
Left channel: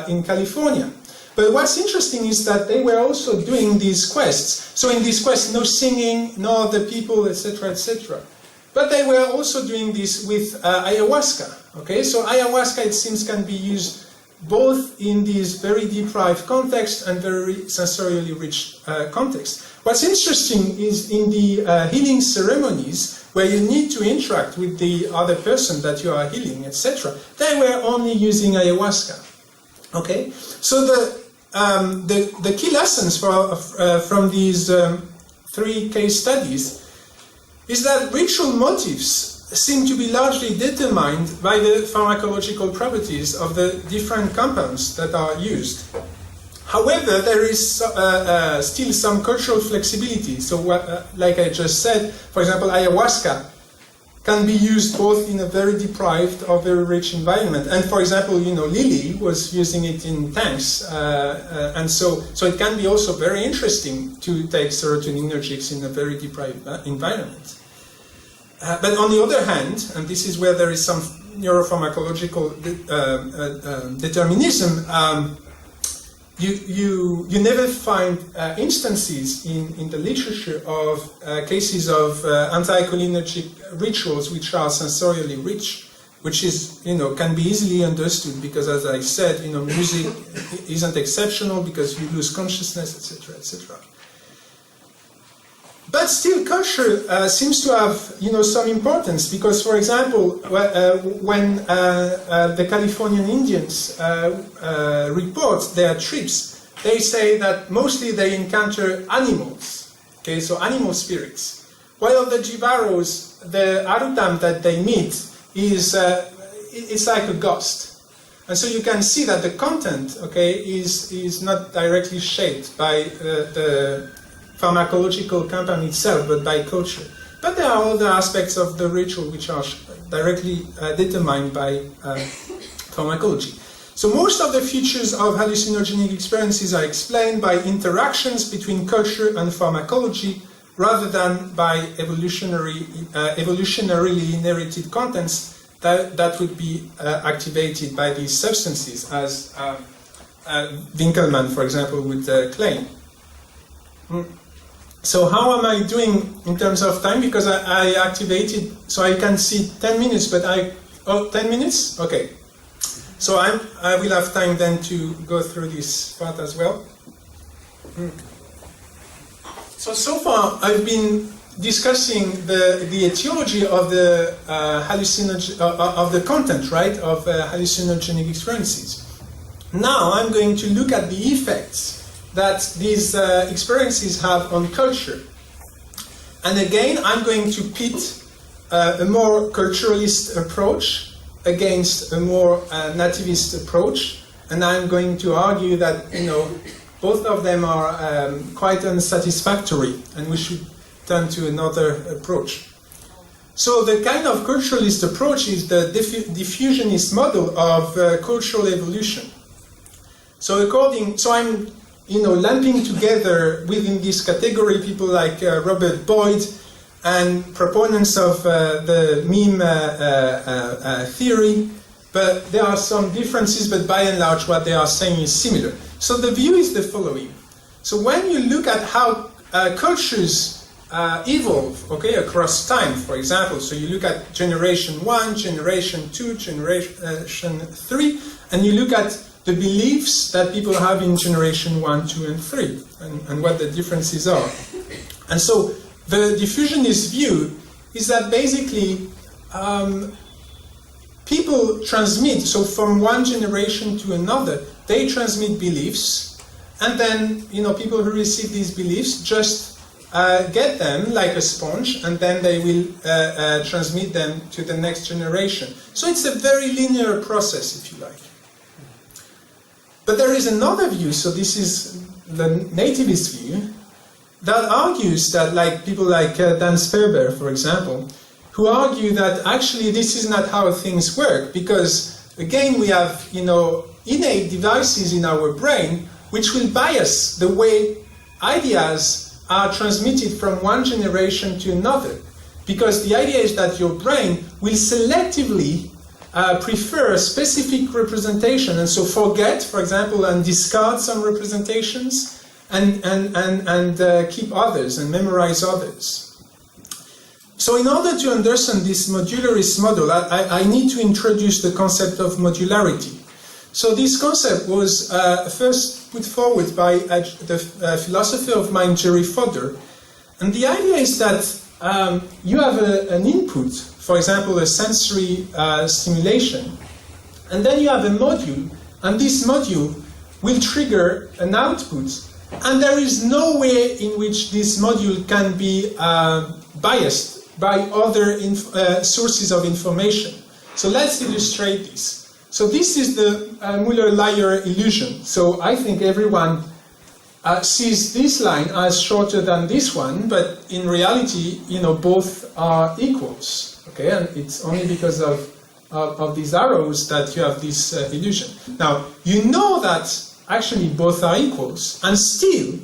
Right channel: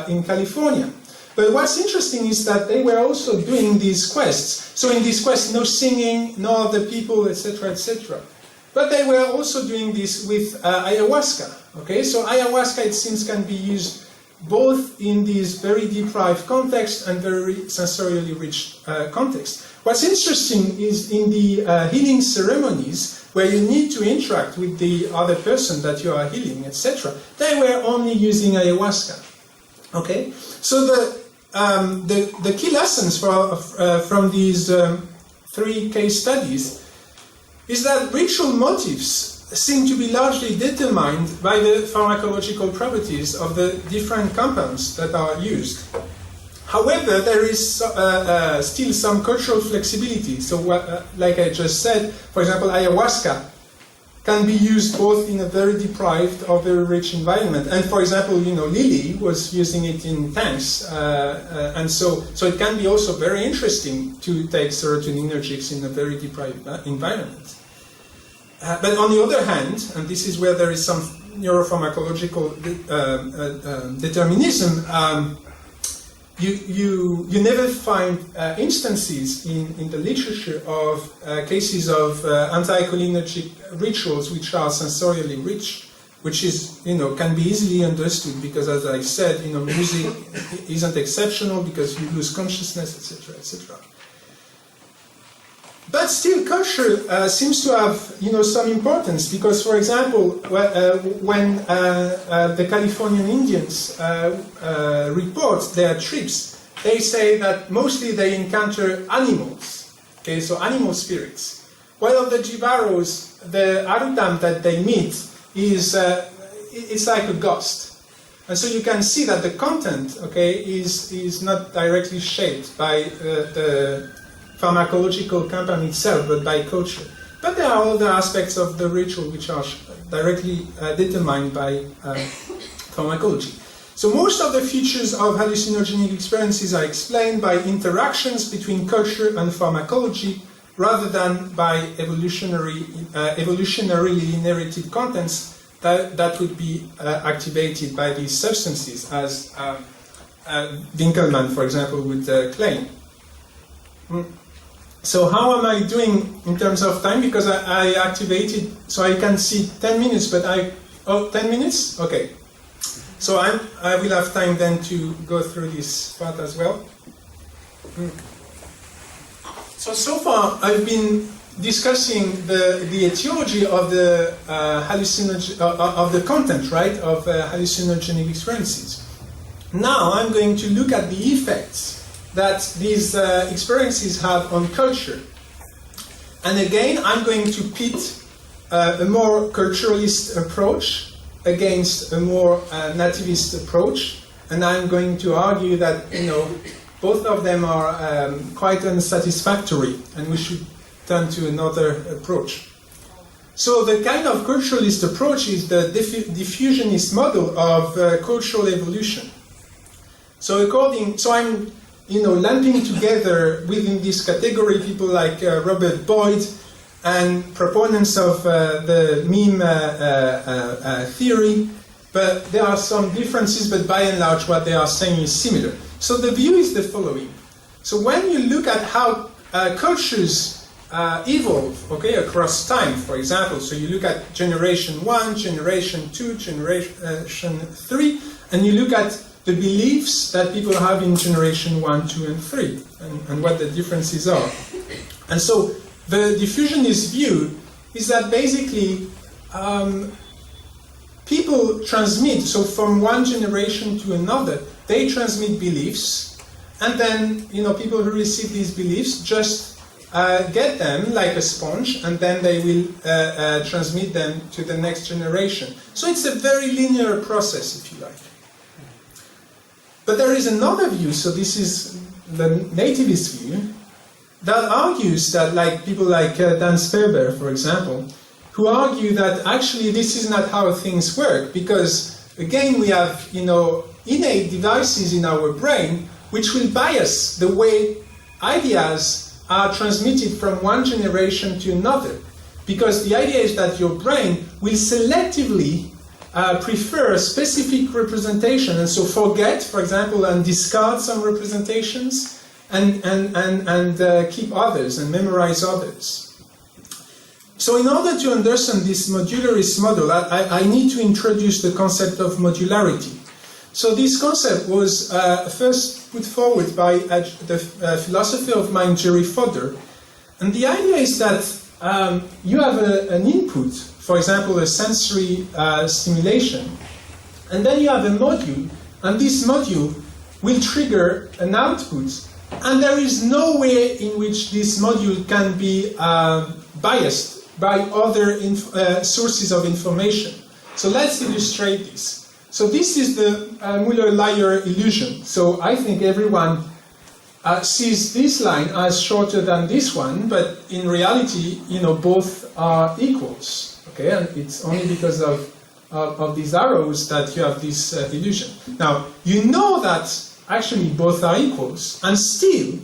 in California. But what's interesting is that they were also doing these quests. So in these quests, no singing, no other people, etc., etc. But they were also doing this with ayahuasca. Okay, so ayahuasca, it seems, can be used both in these very deprived context and very sensorially rich context. What's interesting is in the healing ceremonies, where you need to interact with the other person that you are healing, etc., they were only using ayahuasca. Okay, so the key lessons from these 3 case studies is that ritual motives seem to be largely determined by the pharmacological properties of the different compounds that are used. However, there is still some cultural flexibility. So, like I just said, for example, ayahuasca can be used both in a very deprived or very rich environment. And for example, Lily was using it in tanks, and so it can be also very interesting to take serotonergics in a very deprived environment. But on the other hand, and this is where there is some neuropharmacological determinism, you never find instances in the literature of cases of anti-cholinergic rituals which are sensorially rich, which is, can be easily understood because, as I said, music isn't exceptional because you lose consciousness, etc., etc. But still, culture seems to have, some importance because, for example, when the Californian Indians report their trips, they say that mostly they encounter animals, okay, so animal spirits. While of the Jivaros, the Arutam that they meet is it's like a ghost, and so you can see that the content, okay, is not directly shaped by the pharmacological compound itself, but by culture. But there are other aspects of the ritual which are directly determined by pharmacology. So most of the features of hallucinogenic experiences are explained by interactions between culture and pharmacology rather than by evolutionarily inherited contents that would be activated by these substances, as Winkelman, for example, would claim. So how am I doing in terms of time? Because I activated, so I can see 10 minutes, but 10 minutes? Okay. So I will have time then to go through this part as well. So far I've been discussing the etiology of the of the content, right, of hallucinogenic experiences. Now I'm going to look at the effects that these experiences have on culture. And again, I'm going to pit a more culturalist approach against a more nativist approach, and I'm going to argue that both of them are quite unsatisfactory, and we should turn to another approach. So the kind of culturalist approach is the diffusionist model of cultural evolution. So I'm lumping together within this category people like Robert Boyd and proponents of the meme theory, but there are some differences, but by and large what they are saying is similar. So the view is the following. So when you look at how cultures evolve, okay, across time, for example, so you look at generation 1, generation 2, generation 3, and you look at the beliefs that people have in generation 1, 2, and 3, and what the differences are. And so the diffusionist view is that basically people transmit, so from one generation to another, they transmit beliefs, and then people who receive these beliefs just get them like a sponge, and then they will transmit them to the next generation. So it's a very linear process, if you like. But there is another view, so this is the nativist view, that argues that, like people like Dan Sperber, for example, who argue that actually this is not how things work, because again we have, innate devices in our brain which will bias the way ideas are transmitted from one generation to another. Because the idea is that your brain will selectively prefer a specific representation, and so forget, for example, and discard some representations, and keep others and memorize others. So in order to understand this modularist model, I need to introduce the concept of modularity. So this concept was first put forward by the philosopher of mind Jerry Fodor. And the idea is that you have an input, for example, a sensory stimulation, and then you have a module, and this module will trigger an output. And there is no way in which this module can be biased by other sources of information. So let's illustrate this. So this is the Müller-Lyer illusion. So I think everyone sees this line as shorter than this one, but in reality, both are equals. Okay, and it's only because of these arrows that you have this illusion. Now, you know that actually both are equals, and still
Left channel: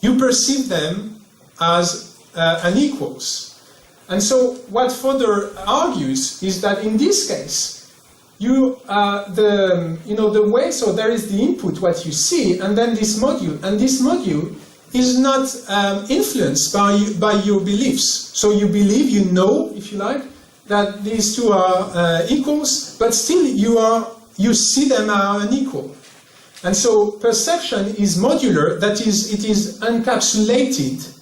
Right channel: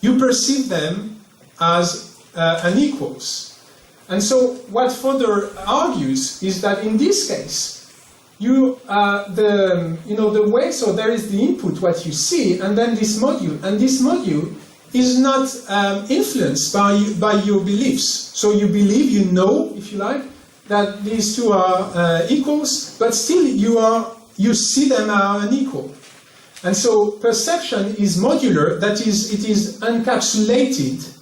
you perceive them as unequals. And so what Fodor argues is that in this case, the way, so there is the input, what you see, and then this module, and this module is not influenced by your beliefs. So you believe, if you like, that these two are equals, but still you see them are unequal. And so perception is modular, that is, it is encapsulated.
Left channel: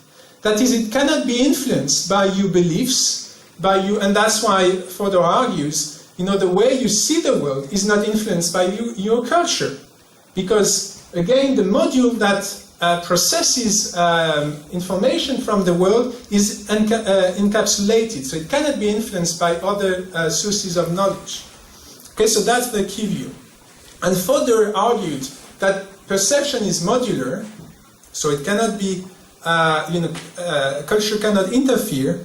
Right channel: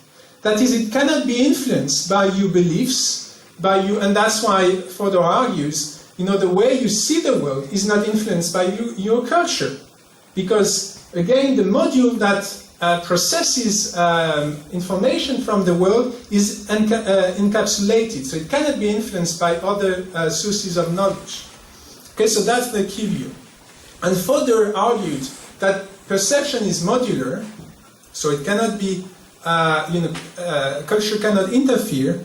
That is, it cannot be influenced by your beliefs, and that's why Fodor argues, the way you see the world is not influenced by your culture. Because, again, the module that processes information from the world is encapsulated, so it cannot be influenced by other sources of knowledge. Okay, so that's the key view. And Fodor argued that perception is modular, so it cannot be, culture cannot interfere.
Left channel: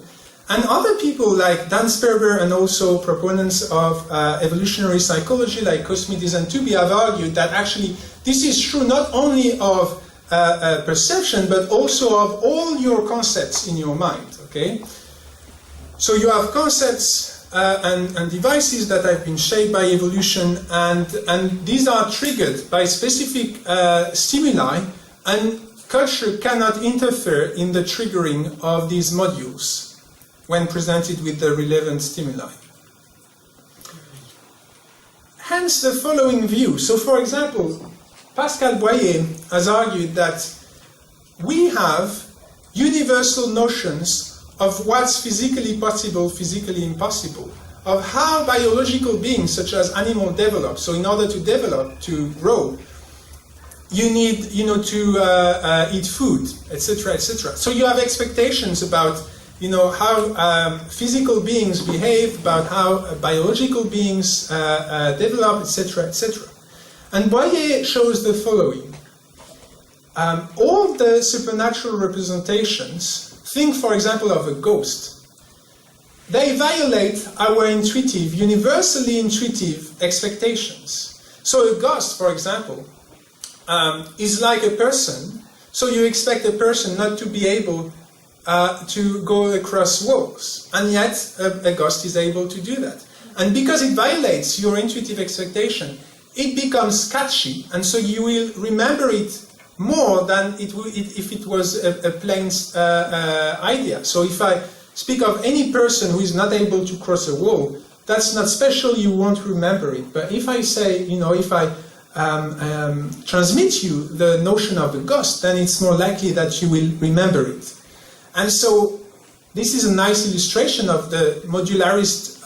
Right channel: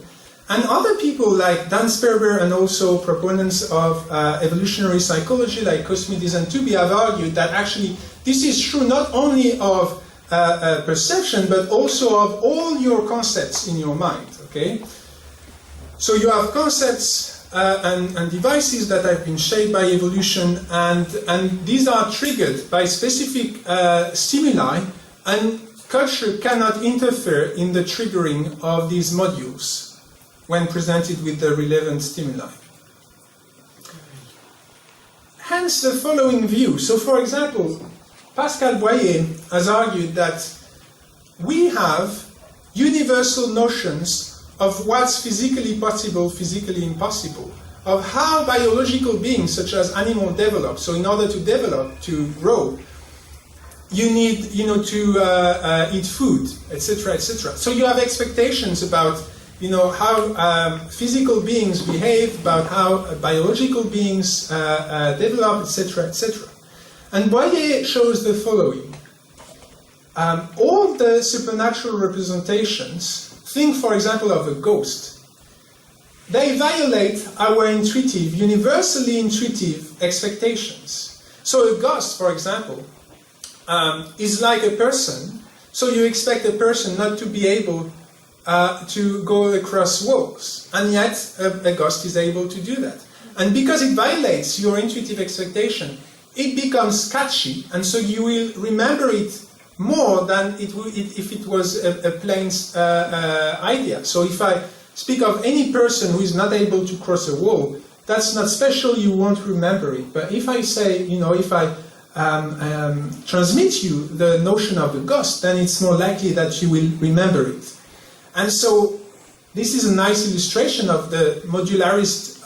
And other people like Dan Sperber and also proponents of evolutionary psychology like Cosmides and Tooby have argued that actually this is true not only of perception but also of all your concepts in your mind. Okay, so you have concepts and devices that have been shaped by evolution, and these are triggered by specific stimuli, and culture cannot interfere in the triggering of these modules when presented with the relevant stimuli. Hence the following view. So for example, Pascal Boyer has argued that we have universal notions of what's physically possible, physically impossible, of how biological beings such as animals develop. So in order to develop, to grow, you need to eat food, etc., etc. So you have expectations about how physical beings behave, about how biological beings develop, etc., etc. And Boyer shows the following. All the supernatural representations, think for example of a ghost, they violate our intuitive, universally intuitive expectations. So a ghost, for example, is like a person, so you expect a person not to be able to go across walls, and yet a ghost is able to do that. And because it violates your intuitive expectation, it becomes sketchy, and so you will remember it more than it would if it was a plain idea. So if I speak of any person who is not able to cross a wall, that's not special, you won't remember it. But if I say, if I transmit you the notion of a ghost, then it's more likely that you will remember it. And so this is a nice illustration of the modularist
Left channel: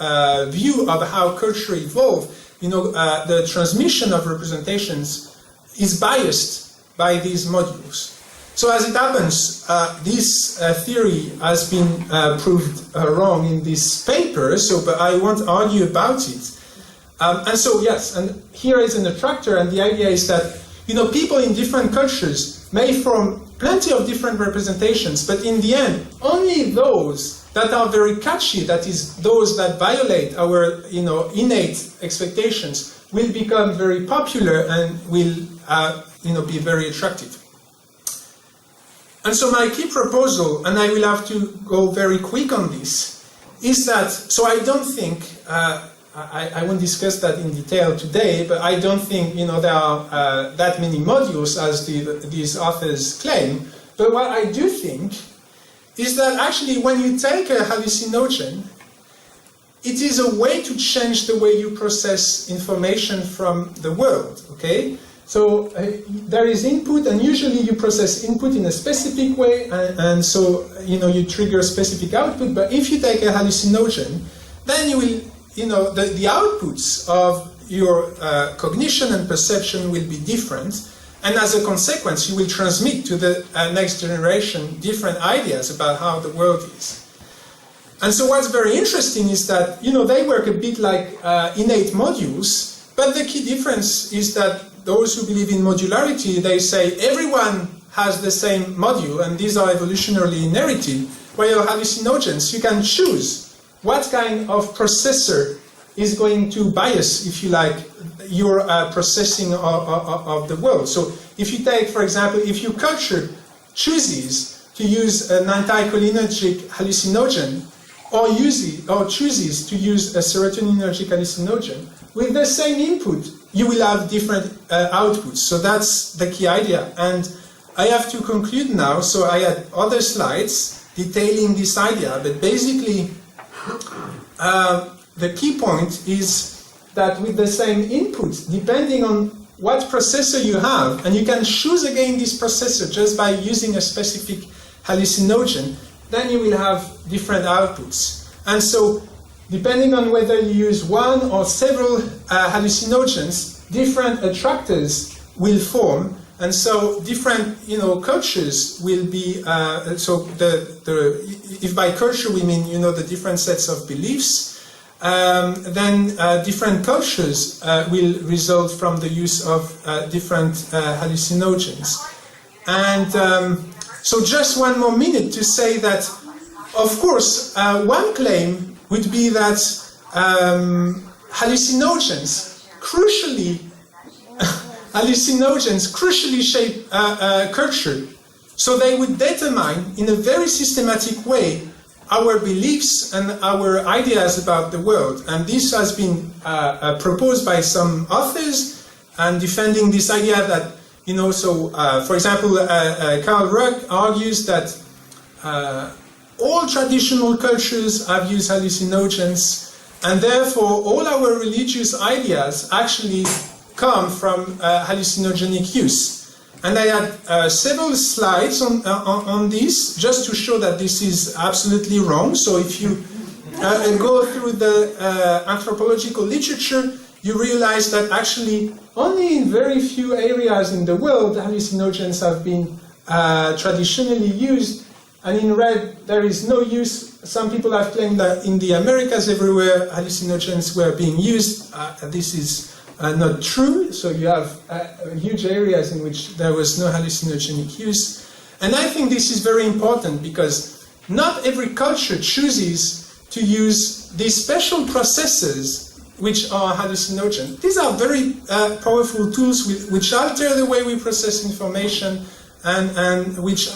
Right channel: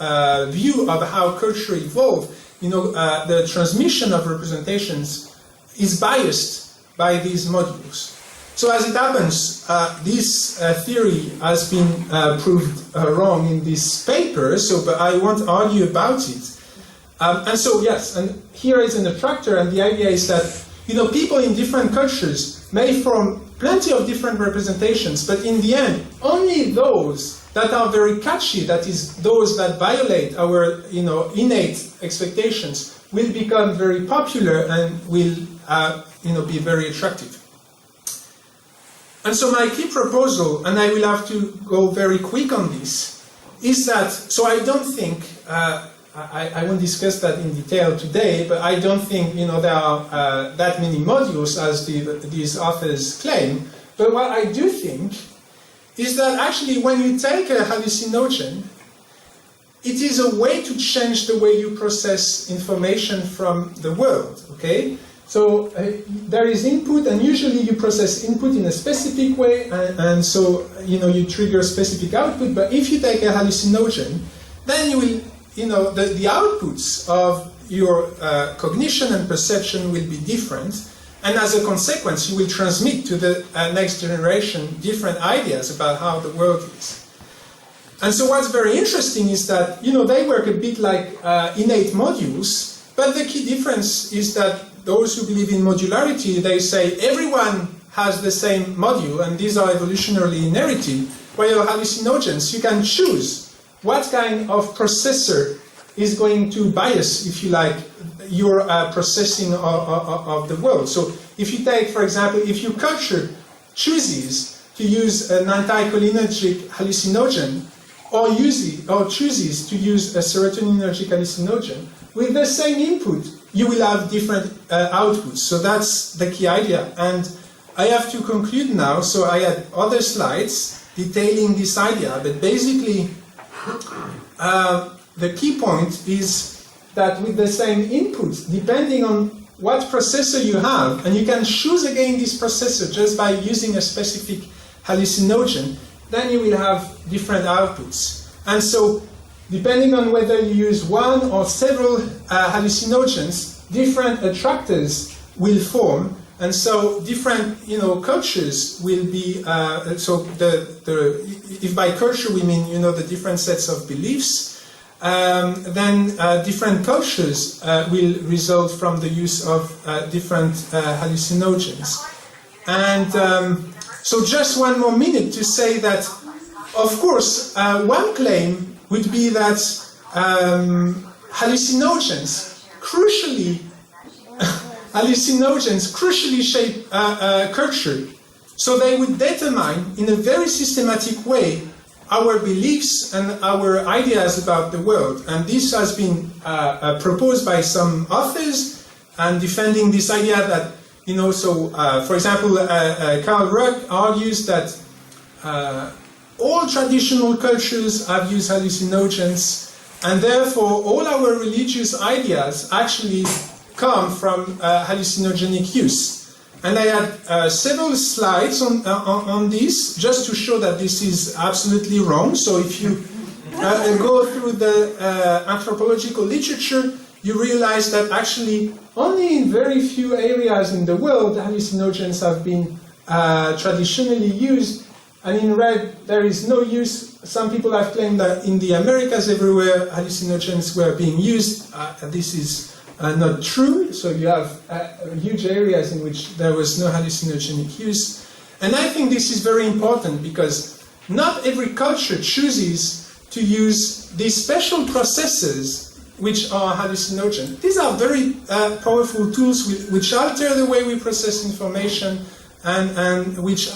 view of how culture evolved. The transmission of representations is biased by these modules. So as it happens, this theory has been proved wrong in this paper, but I won't argue about it. And so, yes, and here is an attractor, and the idea is that people in different cultures may form plenty of different representations, but in the end, only those that are very catchy, that is, those that violate our innate expectations, will become very popular and will be very attractive. And so my key proposal, and I will have to go very quick on this, is that, so I don't think, I won't discuss that in detail today, but I don't think there are that many modules as these authors claim. But what I do think is that actually when you take a hallucinogen, it is a way to change the way you process information from the world, okay? So there is input, and usually you process input in a specific way, and so you trigger specific output. But if you take a hallucinogen, then you will, the outputs of your cognition and perception will be different, and as a consequence, you will transmit to the next generation different ideas about how the world is. And so what's very interesting is that they work a bit like innate modules, but the key difference is that those who believe in modularity, they say everyone has the same module, and these are evolutionarily inherited, while hallucinogens, you can choose what kind of processor is going to bias, if you like, your processing of the world. So if you take, for example, if your culture chooses to use an anticholinergic hallucinogen, or chooses to use a serotonergic hallucinogen, with the same input, you will have different outputs. So that's the key idea. And I have to conclude now, so I had other slides detailing this idea, but basically the key point is that with the same input, depending on what processor you have, and you can choose again this processor just by using a specific hallucinogen, then you will have different outputs. And so, depending on whether you use one or several hallucinogens, different attractors will form, and so different cultures will be. If by culture we mean the different sets of beliefs, then different cultures will result from the use of different hallucinogens. And so just one more minute to say that, of course, one claim would be that hallucinogens crucially shape culture. So they would determine in a very systematic way our beliefs and our ideas about the world. And this has been proposed by some authors, and defending this idea that, for example, Carl Ruck argues that all traditional cultures have used hallucinogens, and therefore all our religious ideas actually come from hallucinogenic use. And I had several slides on this, just to show that this is absolutely wrong. So if you go through the anthropological literature, you realize that actually only in very few areas in the world hallucinogens have been traditionally used. And in red, there is no use. Some people have claimed that in the Americas everywhere hallucinogens were being used. This is not true. So you have huge areas in which there was no hallucinogenic use. And I think this is very important because not every culture chooses to use these special processes which are hallucinogen. These are very powerful tools which alter the way we process information and which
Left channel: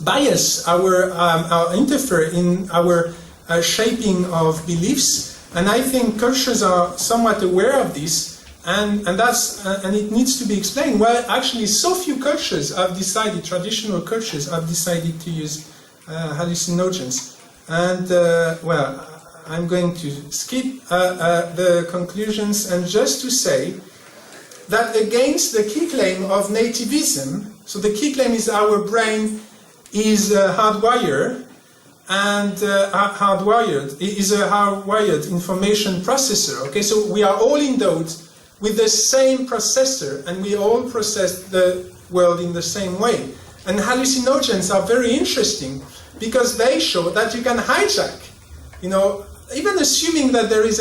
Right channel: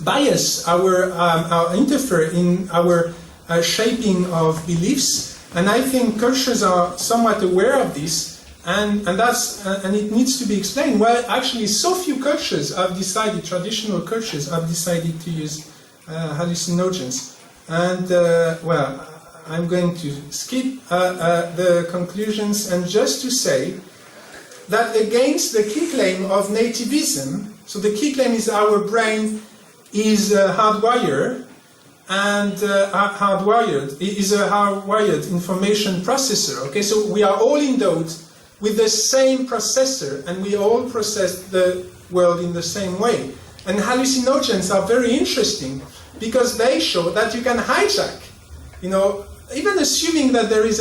bias interfere in our shaping of beliefs. And I think cultures are somewhat aware of this, and it needs to be explained why actually so few cultures have decided, traditional cultures have decided to use hallucinogens. And I'm going to skip the conclusions and just to say that against the key claim of nativism, so the key claim is our brain is hardwired, and is a hardwired information processor. Okay, so we are all endowed with the same processor, and we all process the world in the same way. And hallucinogens are very interesting because they show that you can hijack, even assuming that there is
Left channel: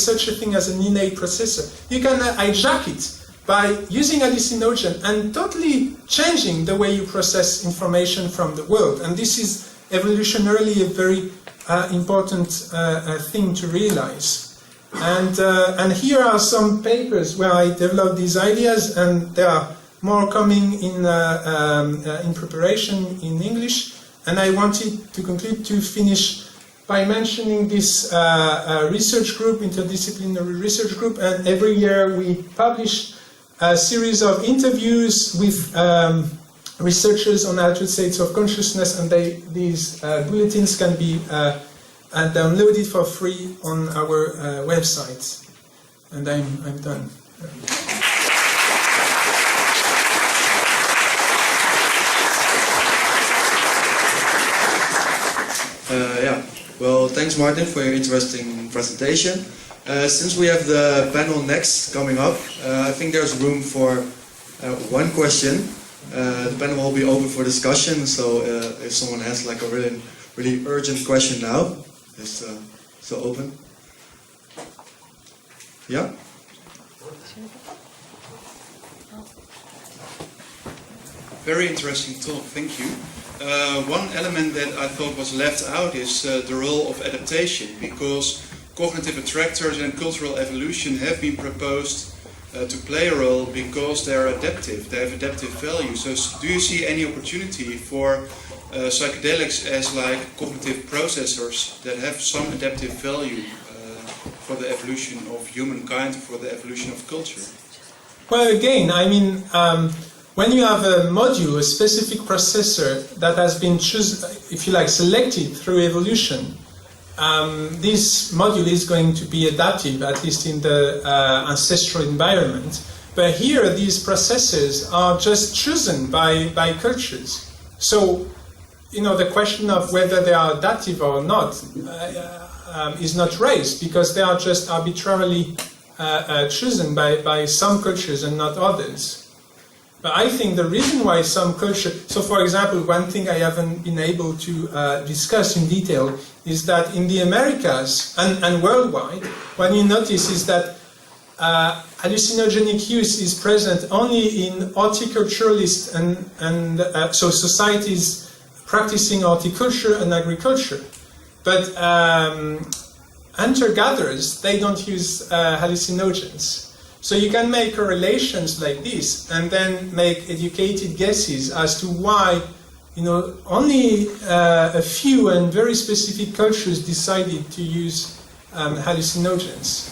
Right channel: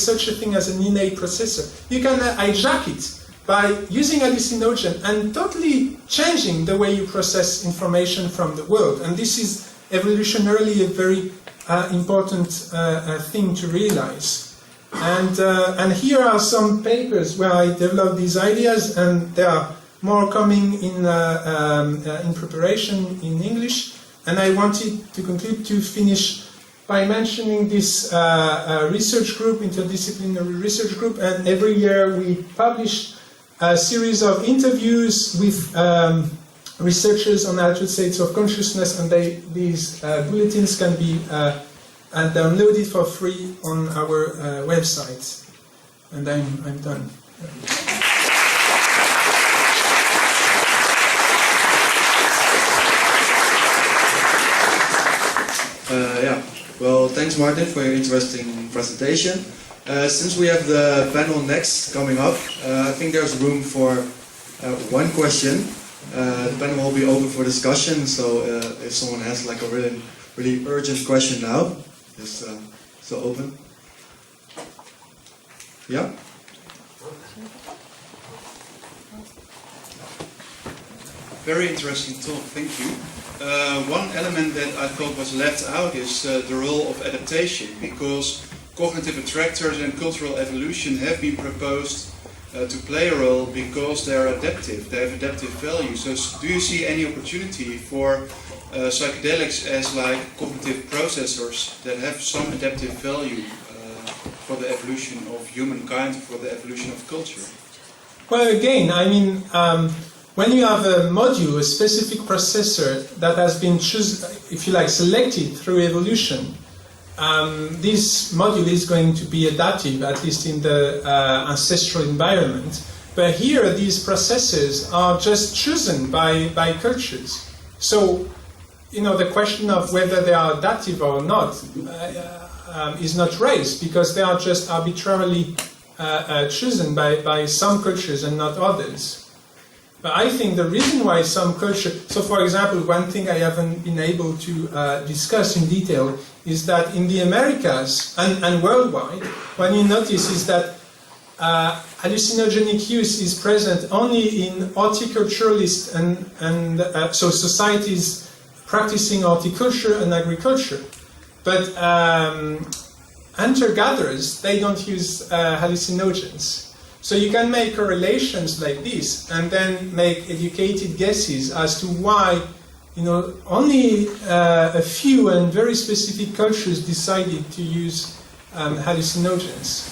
such a thing as an innate processor, you can hijack it by using hallucinogen and totally changing the way you process information from the world. And this is evolutionarily a very important thing to realize. And here are some papers where I developed these ideas, and there are more coming in preparation in English. And I wanted to conclude to finish by mentioning this research group, interdisciplinary research group, and every year we publish a series of interviews with researchers on altered states of consciousness, and these bulletins can be downloaded for free on our website. And I'm done. Well, thanks Martin for your interesting presentation. Since we have the panel next coming up, I think there's room for one question. The panel will be open for discussion, so if someone has like a really urgent question now, it's still open. Yeah? Very interesting talk, thank you. One element that I thought was left out is the role of adaptation, because cognitive attractors and cultural evolution have been proposed to play a role because they are adaptive, they have adaptive value. So do you see any opportunity for psychedelics as like cognitive processors that have some adaptive value for the evolution of humankind, for the evolution of culture? Well, again, I mean, when you have a module, a specific processor that has been chosen, if you like, selected through evolution, this module is going to be adaptive, at least in the ancestral environment. But here, these processors are just chosen by cultures. So, you know, the question of whether they are adaptive or not is not raised, because they are just arbitrarily chosen by some cultures and not others. But I think the reason why some culture, so for example, one thing I haven't been able to discuss in detail is that in the Americas and worldwide, what you notice is that hallucinogenic use is present only in horticulturalists and so societies practicing horticulture and agriculture. But hunter-gatherers, they don't use hallucinogens. So you can make correlations like this and then make educated guesses as to why, you know, only a few and very specific cultures decided to use hallucinogens.